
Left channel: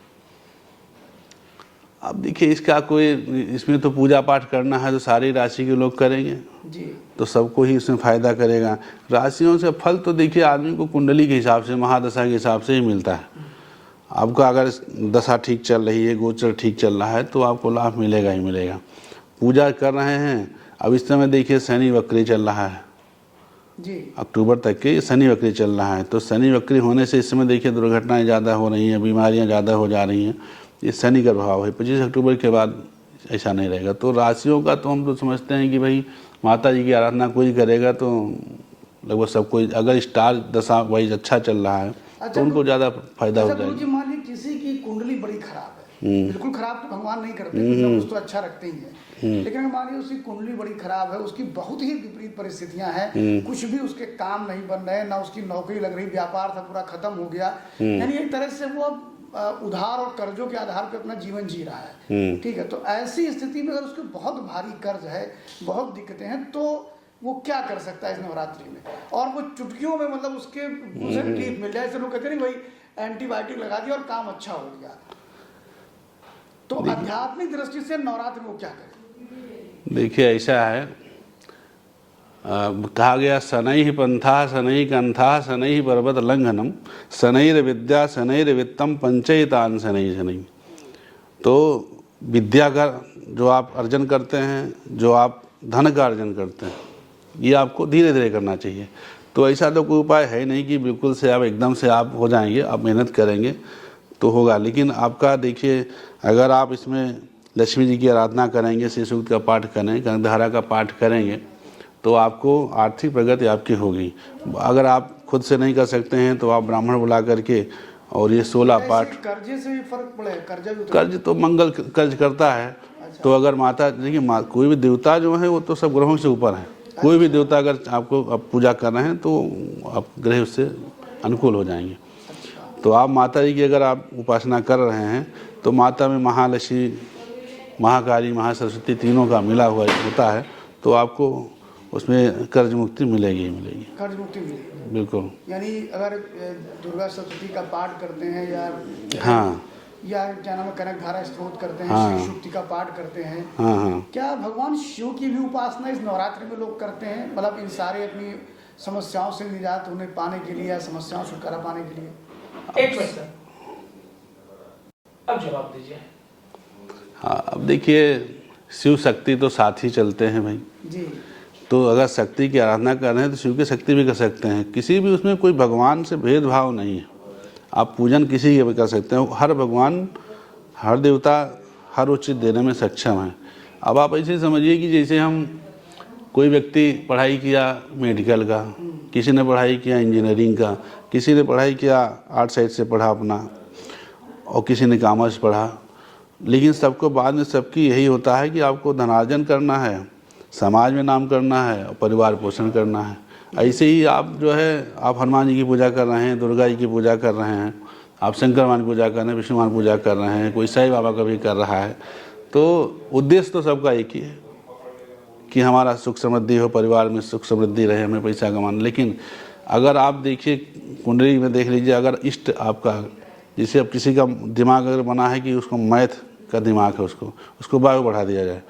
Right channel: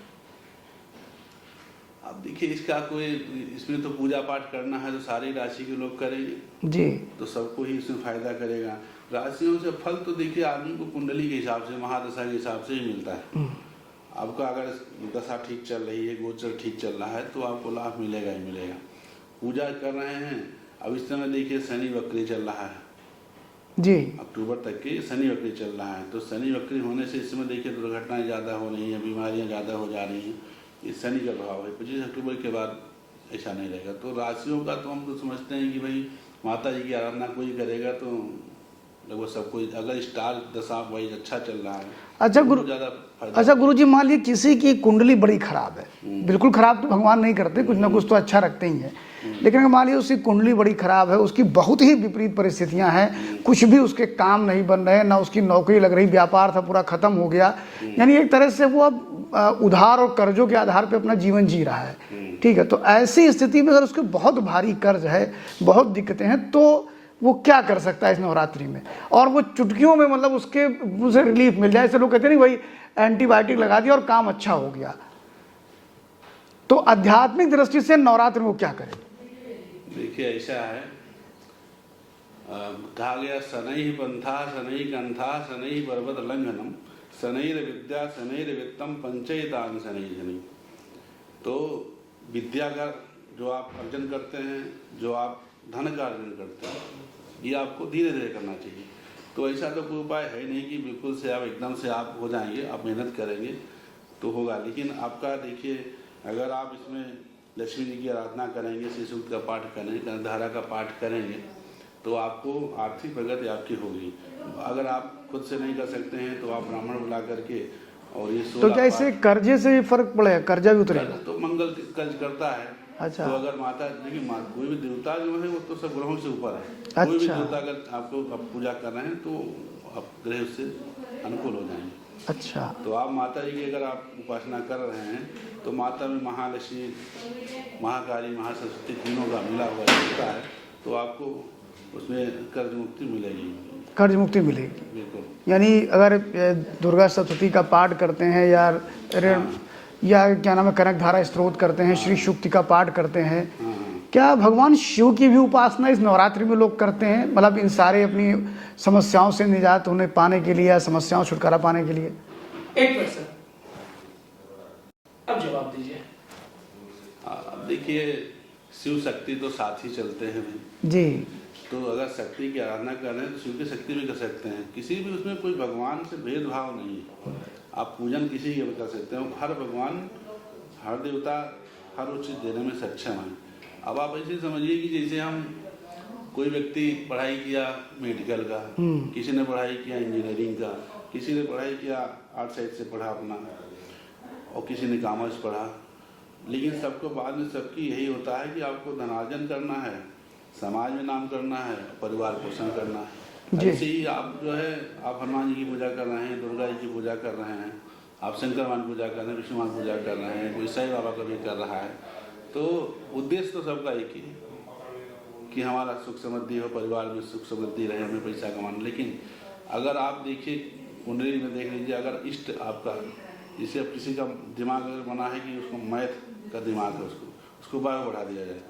अब देखिए, इसका कोई, इसमें तो पूजा पाठ करना है तो सारी राशि के लोग करेंगे जी, तो सबको ही इसमें फायदा करेगा। राशियों से फल तो देखिए आदमी को कुंडली के हिसाब से, महादशा के हिसाब से ही मिलता है। आपका अगर दशा ठीक चल रही है, गोचर ठीक चल रहा है, तो आपको लाभ मिलेगा ही मिलेगा। पूजा कर रहे हैं, अब इस समय देखिए शनि वक्री चल रहा है जी, अक्टूबर तक के शनि वक्री चल रहा है, तो शनि वक्री होने से इस समय देखिए दुर्घटनाएं ज़्यादा हो रही हैं, बीमारियां ज़्यादा हो जा रही हैं, ये शनि का प्रभाव है। 25 अक्टूबर के बाद ऐसा नहीं रहेगा। तो राशियों का तो हम तो समझते हैं कि भाई माता जी की आराधना कोई करेगा तो लगभग सबको, अगर स्टार दशा वही अच्छा चल रहा है अच्छा, तो उनको ज़्यादा फायदा। अच्छा गुरु जी, मान लीजिए किसी की कुंडली बड़ी खराब है, बिल्कुल खराब तो भगवान नहीं करते, कुछ ना कुछ तो अच्छा रखते ही है, लेकिन अगर मान लीजिए उसकी कुंडली बड़ी खराब है, उसकी बहुत ही विपरीत परिस्थितियां हैं, कुछ भी उसके काम नहीं बन रहे, ना उसकी नौकरी लग रही, व्यापार था पूरा खत्म हो गया, यानी एक तरह से वो अब उधार और कर्जों के आधार पे अपना जीवन जी रहा है, ठीक है। तो ऐसी स्थिति में अगर उसके बहुत भारी कर्ज है, बहुत दिक्कतें हैं, तो वो क्या कर सकता है इस नवरात्रि में, और वो चुटकियों में मतलब उसे रिलीफ मिल जाए। ऐसे लोग कहते हैं नहीं भाई एंटीबायोटिक लगा दिया और काम अच्छा हो गया। तो आध्यात्मिक दृष्टि से नवरात्रि में वो क्या करे? देखिए ऐसा है, कहा गया शनैः पंथा शनैः कंथा शनैः पर्वत लंघनम शनैर विद्या शनैर वित्तम पंचैतान शनैः शनैः। तो विद्या का जो आप अर्जन करते हैं, जो आप धन का अर्जन करते हैं, ये आपको धीरे धीरे करना चाहिए। तो ऐसा तो कोई उपाय है नहीं कि बिल्कुल से आप एकदम से आप हो जाएंगे। आप मेहनत करेंगे तो होगा। लेकिन आपका देखिए, अगर आप इसमें लक्ष्मी जी की आराधना करेंगे, श्री सूक्त का पाठ करेंगे, कनकधारा का पाठ करेंगे, तो आपको आर्थिक प्रगति आपकी होगी। अगर आप खुद से नहीं कर सकते हैं तो आप ब्राह्मण बुला करके और ये 16 तो पाठ। इससे कर्जे से फर्क पड़ेगा? कर्जा भी उतरेगा? कर्ज तो मंगल कर्ज करता है। अच्छा। तो अगर माता देखिए, कोई भी देवता जो है वो तो सब ग्रहों से ऊपर है। कोई भी देवता अगर आपको आप पूजा कर रहे हैं तो आप ग्रह उससे अनुकूल हो जाएंगे। अच्छा। तो आप माता जी की अगर आप उपासना कर रहे हैं तो माता में महालक्ष्मी, महाकाली, महासरस्वती तीनों का मिला हुआ होता है, तो आपको उसमें कर्ज मुक्ति मिलेगी ही मिलेगी। कर्ज मुक्ति मिलेगी बिल्कुल। यानी अगर दुर्गा सप्तती का पाठ करते हैं या क्या नाम है, कनकधारा स्तोत्र करते हैं, श्री सूक्ति का पाठ करते हैं, क्या भगवान शिव की भी उपासना इस नवरात्रि में लोग करते हैं? मतलब इन सारे अपनी समस्याओं से निजात होने पाने के लिए या समस्याओं से छुटकारा पाने के लिए? एक क्वेश्चन, अब जवाब दीजिए। हाँ, अब देखिए, शिव शक्ति तो साथ ही चलते हैं भाई जी। तो अगर शक्ति की आराधना कर रहे हैं तो शिव की शक्ति भी कर सकते हैं। किसी भी उसमें कोई भगवान से भेदभाव नहीं है। आप पूजन किसी के भी कर सकते हैं। हर भगवान, हर देवता हर उचित देने में सक्षम है। अब आप ऐसे समझिए कि जैसे हम कोई व्यक्ति पढ़ाई किया मेडिकल का, किसी ने पढ़ाई किया इंजीनियरिंग का, किसी ने पढ़ाई किया आर्ट साइड से पढ़ा अपना, और किसी ने कॉमर्स पढ़ा, लेकिन सबको बाद में सबकी यही होता है कि आपको धनार्जन करना है, समाज में नाम करना है और परिवार पोषण करना है। ऐसे ही आप जो है, आप हनुमान जी की पूजा कर रहे हैं, दुर्गा जी की पूजा कर रहे हैं, आप शंकर भगवान की पूजा कर रहे हैं, विष्णु भगवान पूजा कर रहे हैं, कोई साईं बाबा का भी कर रहा है, तो उद्देश्य तो सबका एक ही है कि हमारा सुख समृद्धि हो, परिवार में सुख समृद्धि रहे, हमें पैसा कमाना। लेकिन अगर आप देखिए कुंडली में देख लीजिए, अगर इष्ट आपका, जैसे अब किसी का दिमाग अगर बना है कि उसको मैथ का दिमाग है, उसको बायो बढ़ा दिया जाए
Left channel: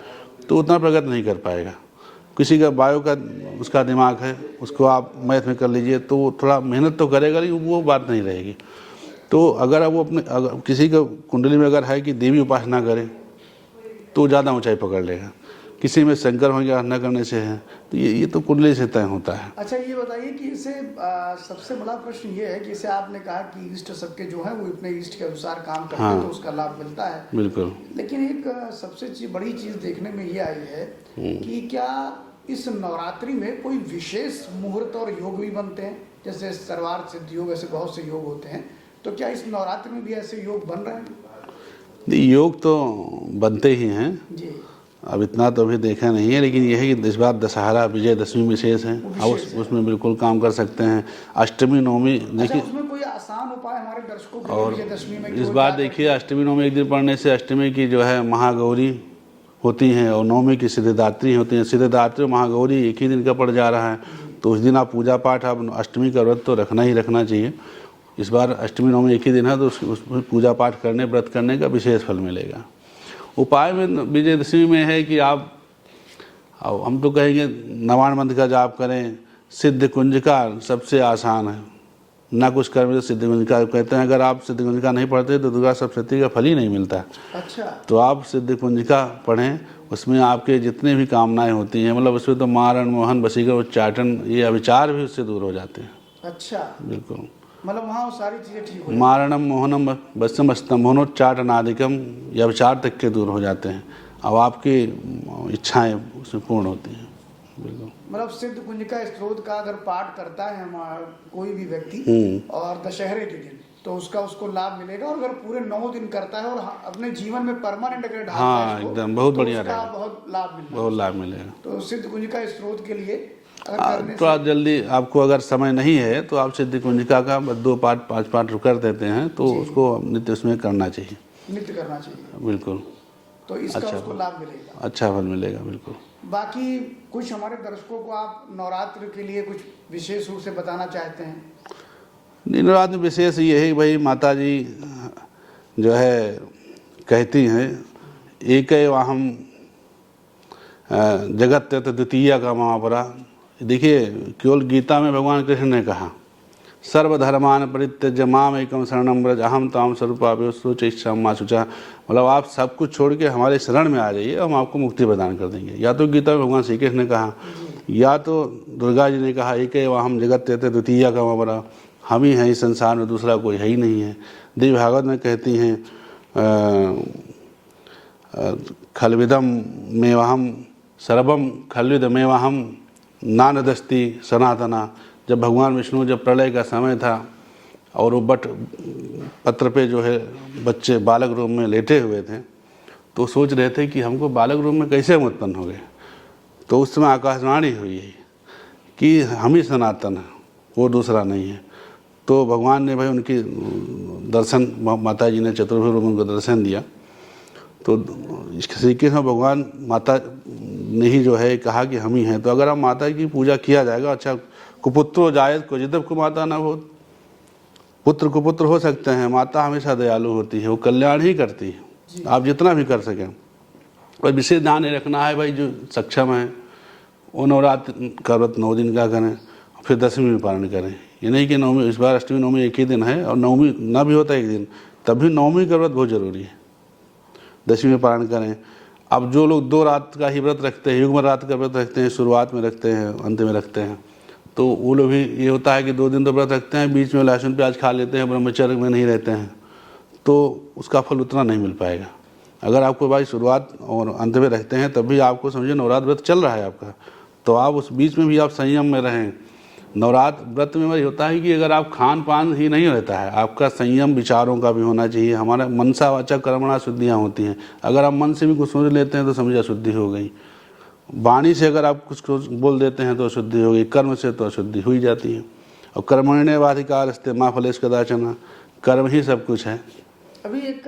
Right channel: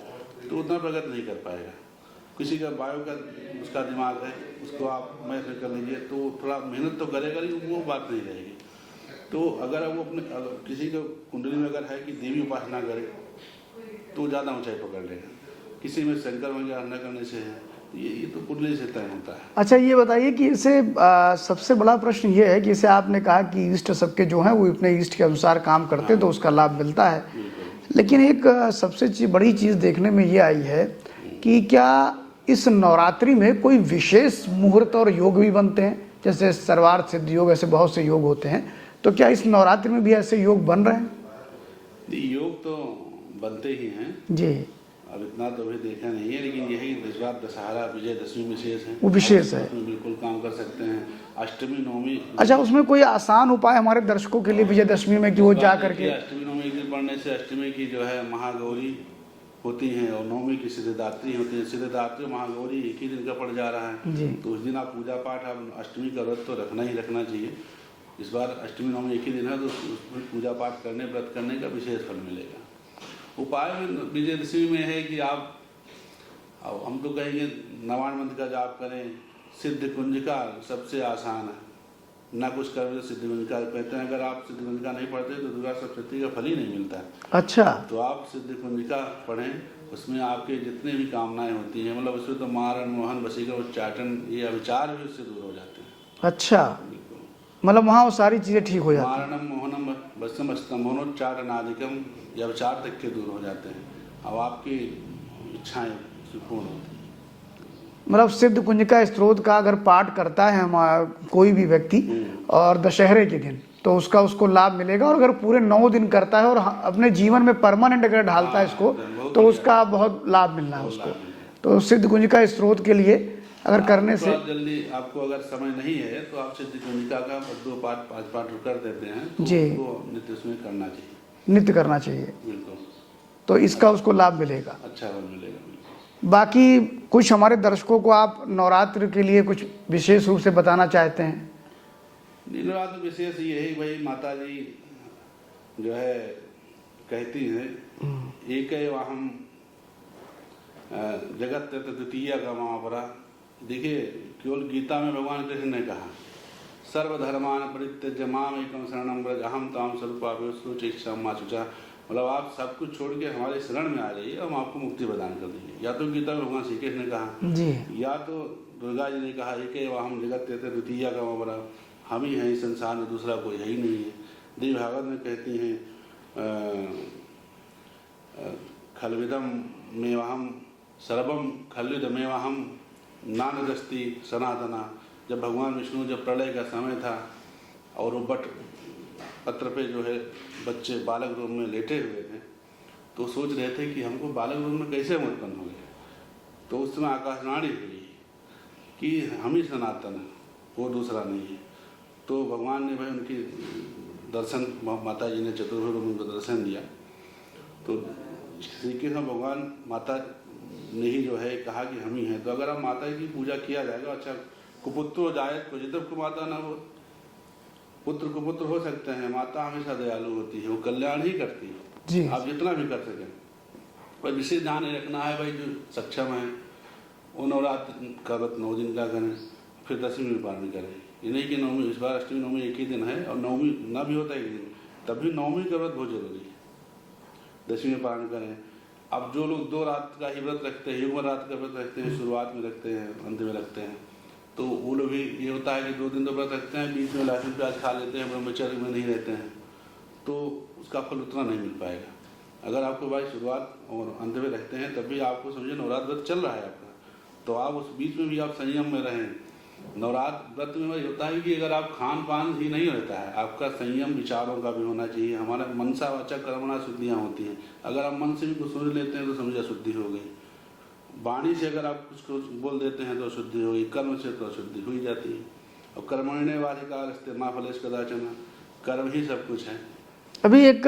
तो उतना प्रगति नहीं कर पाएगा। किसी का बायो का उसका दिमाग है, उसको आप मैथ में कर लीजिए तो थोड़ा मेहनत तो करेगा, लेकिन वो बात नहीं रहेगी। तो अगर वो अपने, अगर किसी का कुंडली में अगर है कि देवी उपासना करे तो ज़्यादा ऊंचाई पकड़ लेगा। किसी में शंकर भगवान की आराधना करने से है, तो ये तो कुंडली से तय होता है। अच्छा, ये बताइए कि इसे सबसे बड़ा प्रश्न ये है कि इसे आपने कहा कि इष्ट सबके जो हैं वो अपने इष्ट के अनुसार काम करते हैं, तो उसका लाभ मिलता है। बिल्कुल। लेकिन एक सबसे बड़ी चीज़ देखने में ये आई है कि क्या इस नवरात्रि में कोई विशेष मुहूर्त और योग भी बनते हैं? जैसे सर्वार्थ सिद्ध योग, ऐसे बहुत से योग होते हैं, तो क्या इस नवरात्रि में भी ऐसे योग बन रहे हैं? योग तो बनते ही हैं जी। अब इतना तो अभी देखा नहीं है, लेकिन यह है कि इस बार दशहरा विजयदशमी विशेष है, वो विशेष है। उसमें बिल्कुल काम कर सकते हैं। अष्टमी नवमी, अच्छा, उसमें कोई आसान उपाय हमारे दर्शकों के लिए विजयदशमी में कि वो जा करके? देखिए, अष्टमी नवमी एक दिन पढ़ने से अष्टमी की जो है महागौरी होती हैं और नवमी की सिद्धिदात्री होती हैं। सिद्धिदात्री और महागौरी एक ही दिन का पड़ जा रहा है, तो उस दिन आप पूजा पाठ, आप अष्टमी का व्रत तो रखना ही रखना चाहिए। इस बार अष्टमी नवमी एक ही दिन है, तो उसमें पूजा पाठ करने, व्रत करने का विशेष फल मिलेगा। उपाय में विजयदशमी में है कि आप, हम तो कहेंगे 99 मंत्र का जाप करें। सिद्ध कुंजिका सबसे आसान है, ना कुछ कर्म तो सिद्ध कुंजिका कहते हैं। अगर आप सिद्ध कुंजिका नहीं पढ़ते तो दुर्गा सप्तशती का फल ही नहीं मिलता है। अच्छा। तो आप सिद्ध कुंजिका पढ़ें, उसमें आपके जितने भी कामनाएं होती हैं, मतलब उसमें तो मारण, मोहन, वशीकरण, उच्चाटन, ये अविचार भी उससे दूर हो जाते हैं। अच्छा, बिल्कुल। मतलब वहाँ वो सारी चीज़ें ठीक हो जाती हैं। मारणम, मोहनम, वश्यम, स्तंभनोच्चाटनादिकम, ये अविचार तक के दूर हो जाते हैं। अब आपकी इच्छाएं उसमें पूर्ण होती हैं। बिल्कुल। मतलब सिद्ध कुंजिका स्त्रोत का अगर पाठ करता है हमारा कोई भी व्यक्ति और दशहरे के दिन, तो उसको लाभ मिलेगा। और अगर पूरे 9 दिन करता है और अपने जीवन में परमानेंट अगर ढालता है इसको, तो उसका बहुत लाभ मिलेगा। तो सिद्ध कुंजिका स्त्रोत के लिए अगर करने से थोड़ा जल्दी आपको अगर समय नहीं है तो आप सिद्ध कुंजिका का 2 पाठ 5 पाठ कर देते हैं, तो उसको नित्य उसमें करना चाहिए, नित्य करना चाहिए। बिल्कुल। तो इसका उसको लाभ मिलेगा, अच्छा फल मिलेगा। बिल्कुल। बाकी कुछ हमारे दर्शकों को आप नवरात्र के लिए कुछ विशेष रूप से बताना चाहते हैं? नवरात्र में विशेष ये है भाई, माता जी जो है कहती हैं, एक वाहम जगत द्वितीय का महापरा। देखिए, केवल गीता में भगवान कृष्ण ने कहा, सर्वधर्मान परित्यज्य माम एकम शरणम व्रज अहम ताम स्वरूपाभ्योच्चा मा शुचा। मतलब आप सब कुछ छोड़ के हमारे शरण में आ जाइए, हम आपको मुक्ति प्रदान कर देंगे। या तो गीता में भगवान श्री कृष्ण ने कहा, या तो दुर्गा जी ने कहा, एक हम जगत तेते द्वितीय का बरा, हम ही हैं इस संसार में, दूसरा कोई है ही नहीं है। देवी भागवत में कहती हैं खलविदम मेवाहम सर्वम खलविदमेवाहम नानदस्ति सनातना। जब भगवान विष्णु, जब प्रलय का समय था और वो बट पत्र पे जो है बच्चे बालक रूप में लेटे हुए थे, तो सोच रहे थे कि हमको बालक रूप में कैसे हम उत्पन्न हो गए। तो उस समय आकाशवाणी हुई कि हम ही सनातन हैं, वो दूसरा नहीं है। तो भगवान ने भाई उनकी दर्शन, माता जी ने चतुर्भुज रूप में उनको दर्शन दिया। तो श्री कृष्ण भगवान माता ने ही जो है कहा कि हम ही हैं। तो अगर हम माता की पूजा किया जाएगा, अच्छा कुपुत्रो जायत को जिदब को माता ना हो, पुत्र कुपुत्र हो सकते हैं, माता हमेशा दयालु होती है, वो कल्याण ही करती है, आप जितना भी कर सकें। और विशेष ध्यान ये रखना है भाई, जो सक्षम है वो नवरात्र का व्रत 9 दिन का करें, फिर 10वीं में पारण करें। ये नहीं कि नवमी, इस बार अष्टमी नवमी एक ही दिन है और नवमी ना भी होता एक दिन, तब भी नवमी का व्रत बहुत जरूरी है, 10वीं में पारण करें। अब जो लोग 2 रात का ही व्रत रखते हैं, युग्म रात का व्रत रखते हैं, शुरुआत में रखते हैं, अंत में रखते हैं, तो वो लोग भी ये होता है कि 2 दिन तो व्रत रखते हैं, बीच में लहसुन प्याज खा लेते हैं, ब्रह्मचर्य में नहीं रहते हैं, तो उसका फल उतना नहीं मिल पाएगा। अगर आपको भाई शुरुआत और अंत में रखते हैं, तब भी आपको समझिए नवरात्र व्रत चल रहा है आपका, तो आप उस बीच में भी आप संयम में रहें। नवरात्र व्रत में वही होता है कि अगर आप खान पान ही नहीं रहता है, आपका संयम विचारों का भी होना चाहिए। हमारा मनसा वाचा कर्मणा शुद्धियाँ होती हैं। अगर आप मन से भी कुछ सोच लेते हैं तो समझिए अशुद्धि हो गई। वाणी से अगर आप कुछ बोल देते हैं तो अशुद्धि हो गई, कर्म से तो अशुद्धि हुई जाती है। और कर्मण्येवाधिकारस्ते मा फलेषु कदाचन, कर्म ही सब कुछ है। अभी एक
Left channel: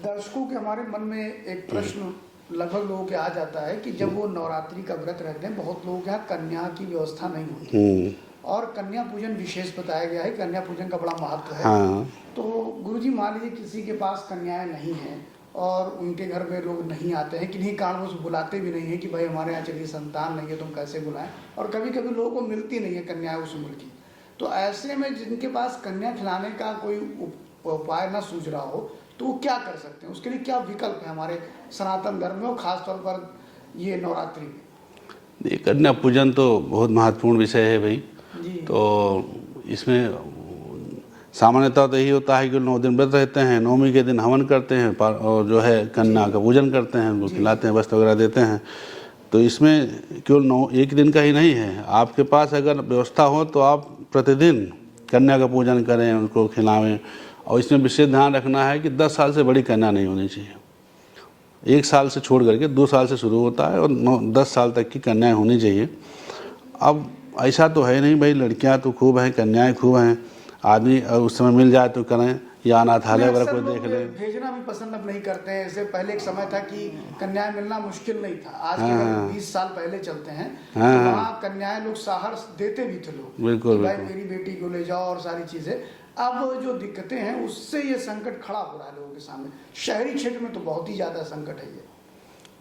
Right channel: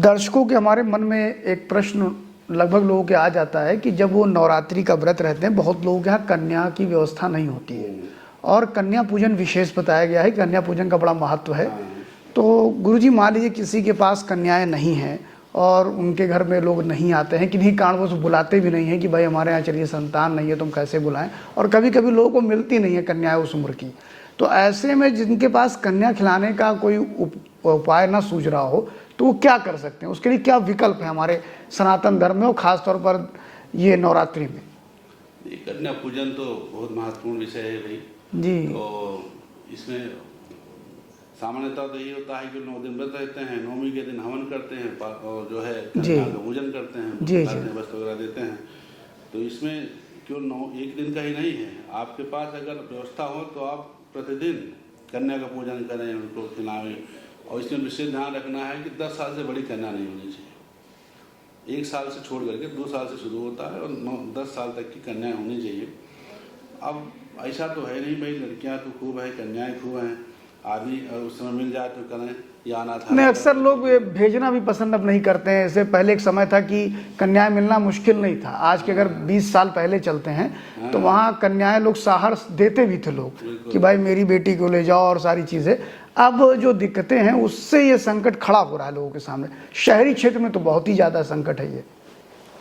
दर्शकों के हमारे मन में एक प्रश्न लगभग लोगों के आ जाता है कि जब वो नवरात्रि का व्रत रहते हैं, बहुत लोगों के यहाँ कन्या की व्यवस्था नहीं होती और कन्या पूजन विशेष बताया गया है, कन्या पूजन का बड़ा महत्व है। हाँ। तो गुरुजी मान लीजिए किसी के पास कन्याएं नहीं हैं और उनके घर में लोग नहीं आते हैं, किन्हीं कारणवश बुलाते भी नहीं हैं कि भाई हमारे यहाँ चलिए संतान नहीं है, तुम कैसे बुलाएं, और कभी कभी लोगों को मिलती नहीं है कन्याएं उस उम्र की। तो ऐसे में जिनके पास कन्या खिलाने का कोई उपाय ना सूझ रहा हो, तो वो क्या कर सकते हैं? उसके लिए क्या विकल्प है हमारे सनातन धर्म में और खासतौर पर ये नवरात्रि में? ये कन्या पूजन तो बहुत महत्वपूर्ण विषय है भाई जी। तो इसमें सामान्यतः तो यही होता है कि 9 दिन व्रत रहते हैं, नवमी के दिन हवन करते हैं और जो है कन्या का पूजन करते हैं, उनको खिलाते हैं, वस्त्र वगैरह देते हैं। तो इसमें केवल 1 दिन का ही नहीं है, आपके पास अगर व्यवस्था हो तो आप प्रतिदिन कन्या का पूजन करें, उनको खिलावें। और इसमें विशेष ध्यान रखना है कि 10 साल से बड़ी कन्या नहीं होनी चाहिए। 1 साल से छोड़ करके 2 साल से शुरू होता है और 10 साल तक की कन्याएं होनी चाहिए। अब ऐसा तो है नहीं भाई, लड़कियां तो खूब हैं, कन्याएं खूब हैं, आदमी उस समय मिल जाए तो करें, या अनाथालय अक्सर लोग भेजना भी पसंद अब नहीं करते हैं। इससे पहले एक समय था कि कन्याएं मिलना मुश्किल नहीं था। आज के अगर 20 साल पहले चलते हैं तो वहाँ कन्याएं लोग सहार देते भी थे लोग कि भाई मेरी बेटी को ले जाओ और सारी चीजें। अब जो दिक्कतें हैं उससे ये संकट खड़ा हो रहा है लोगों के सामने। शहरी क्षेत्र में तो बहुत ही ज्यादा संकट है ये।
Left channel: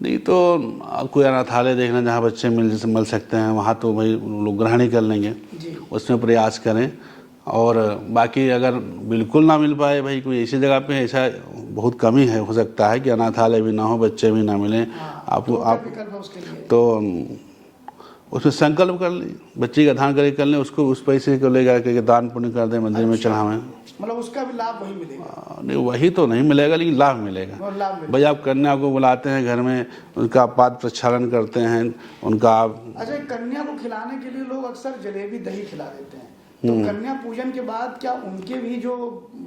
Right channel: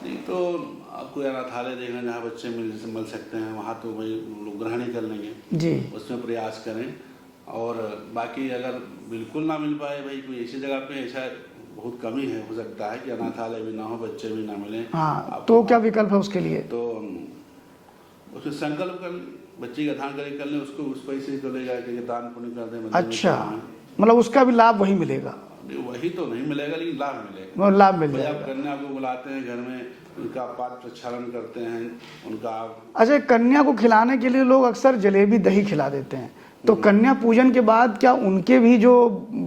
नहीं तो कोई अनाथालय देखना जहाँ बच्चे मिल सकते हैं, वहाँ तो भाई लोग ग्रहण ही कर लेंगे जी, उसमें प्रयास करें। और बाकी अगर बिल्कुल ना मिल पाए भाई, कोई ऐसी जगह पे ऐसा बहुत कमी है, हो सकता है कि अनाथालय भी ना हो, बच्चे भी ना मिले। हाँ, तो क्या विकल्प है उसके लिए? तो उसमें संकल्प कर ले, बच्ची का दान कर लें, उसको उस पैसे को ले जाकर दान पुण्य कर दें, मंदिर में चढ़ावें। मतलब उसका भी लाभ वही मिलेगा? नहीं, वही तो नहीं मिलेगा, लेकिन लाभ मिलेगा। लाभ मिलेगा भाई, आप कन्या को बुलाते हैं घर में, उनका पाद प्रक्षालन करते हैं, उनका आप। अच्छा, कन्या को खिलाने के लिए लोग अक्सर जलेबी दही खिला देते हैं, तो कन्या पूजन के बाद क्या उनके भी जो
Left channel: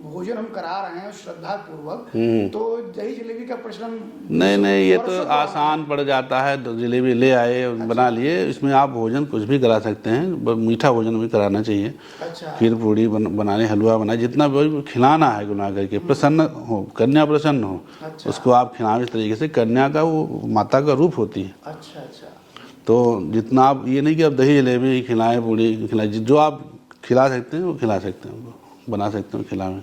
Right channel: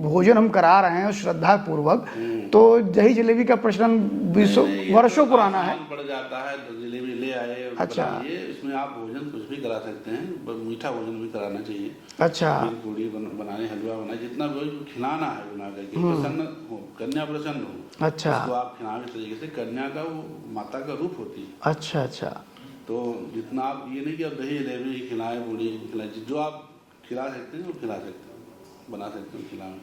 भोजन हम करा रहे हैं श्रद्धा पूर्वक, तो दही जलेबी का प्रचलन नहीं, वर्षों तो आसान पड़ जाता है। तो जलेबी ले आए, बना लिए, इसमें आप भोजन कुछ भी करा सकते हैं, मीठा भोजन भी कराना चाहिए। अच्छा, खीर पूड़ी बनाने, हलवा बनाए, जितना भी खिलाना है गुना करके, प्रसन्न हो, कन्या प्रसन्न हो। अच्छा, उसको आप खिलाओ इस तरीके से। कन्या का वो माता का रूप होती है। अच्छा अच्छा। तो जितना आप, ये नहीं कि आप दही जलेबी खिलाएं, पूड़ी खिलाएं, जो आप खिला सकते हैं वो खिला सकते हैं, बना सकते हैं, खिलाएं।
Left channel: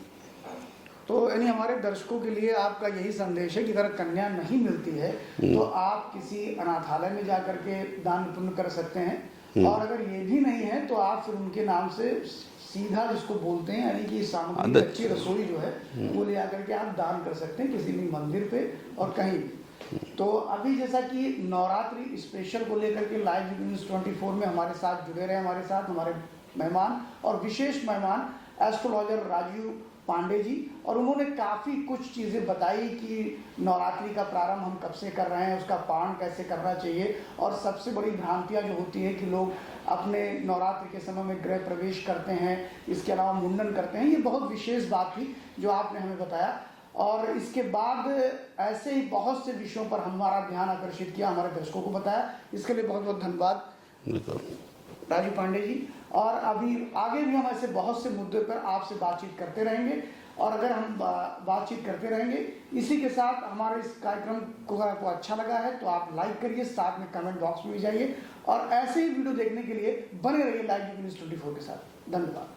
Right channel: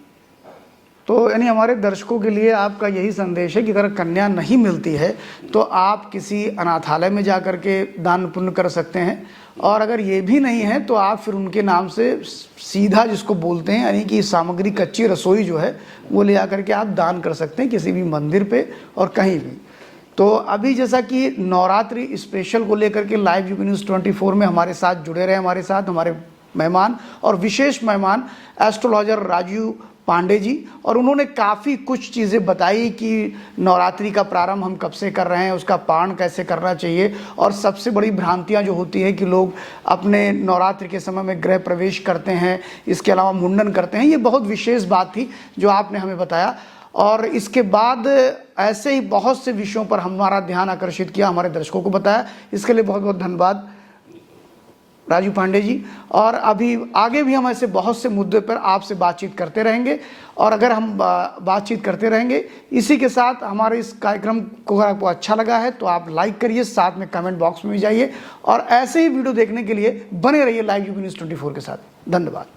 तो यानी हमारे दर्शकों के लिए आपका यही संदेश है कि अगर कन्या नहीं मिलती है तो आप किसी अनाथालय में जा कर के दान पुण्य कर सकते हैं, और अगर ये भी नहीं है तो आप फिर उनके नाम से सीधा, जिसको बोलते हैं यानी कि सामग्री, कच्ची रसोई जो है वो ले आकर के आप दान कर सकते हैं किसी भी मंदिर पे और कहीं भी। तो अभी जैसा कि नवरात्रि स्पेशल को लेकर के लाइव यूपी न्यूज़ 24 में हमारे साथ जुड़े रहे हमारे साथ हमारे मेहमान और विशेष मेहमान एस्ट्रोलॉजर राजू पांडे जी, और उन्होंने काफ़ी कुछ चीज़ें बताई कि नवरात्रि का प्रारंभ हम कब से कर रहे हैं, उसका पारण कैसे करना चाहिए, और सबसे बड़ी भ्रांतियां जो होती है कि लोग अपने नवरात्रि के समय में गृह प्रवेश करते हैं, इसके अलावा मुंडन करते हैं। ये बहुत विशेष बात थी जो आपने हमें बताया, और इसके बाद ऐसे ही बहुत से विषयों पर हमारा ध्यान आकर्षित किया, हमारे दर्शकों को बताया। इसके लिए बहुत बहुत धन्यवाद राजू पांडे जी। और अभी आगे भी हम ऐसे बहुत से मुद्दे पर आपसे बातचीत करते रहेंगे, और अगर हम बातचीत करते रहेंगे इसी के साथ हमारे इस कार्यक्रम को अगर आपको अच्छा लगा है तो आप लाइक करिए, साथ में कमेंट बॉक्स में भी जाइए, और ऐसे ही वीडियो देखने के लिए बने रहिए लाइव यूपी न्यूज़ 24 के साथ। धन्यवाद।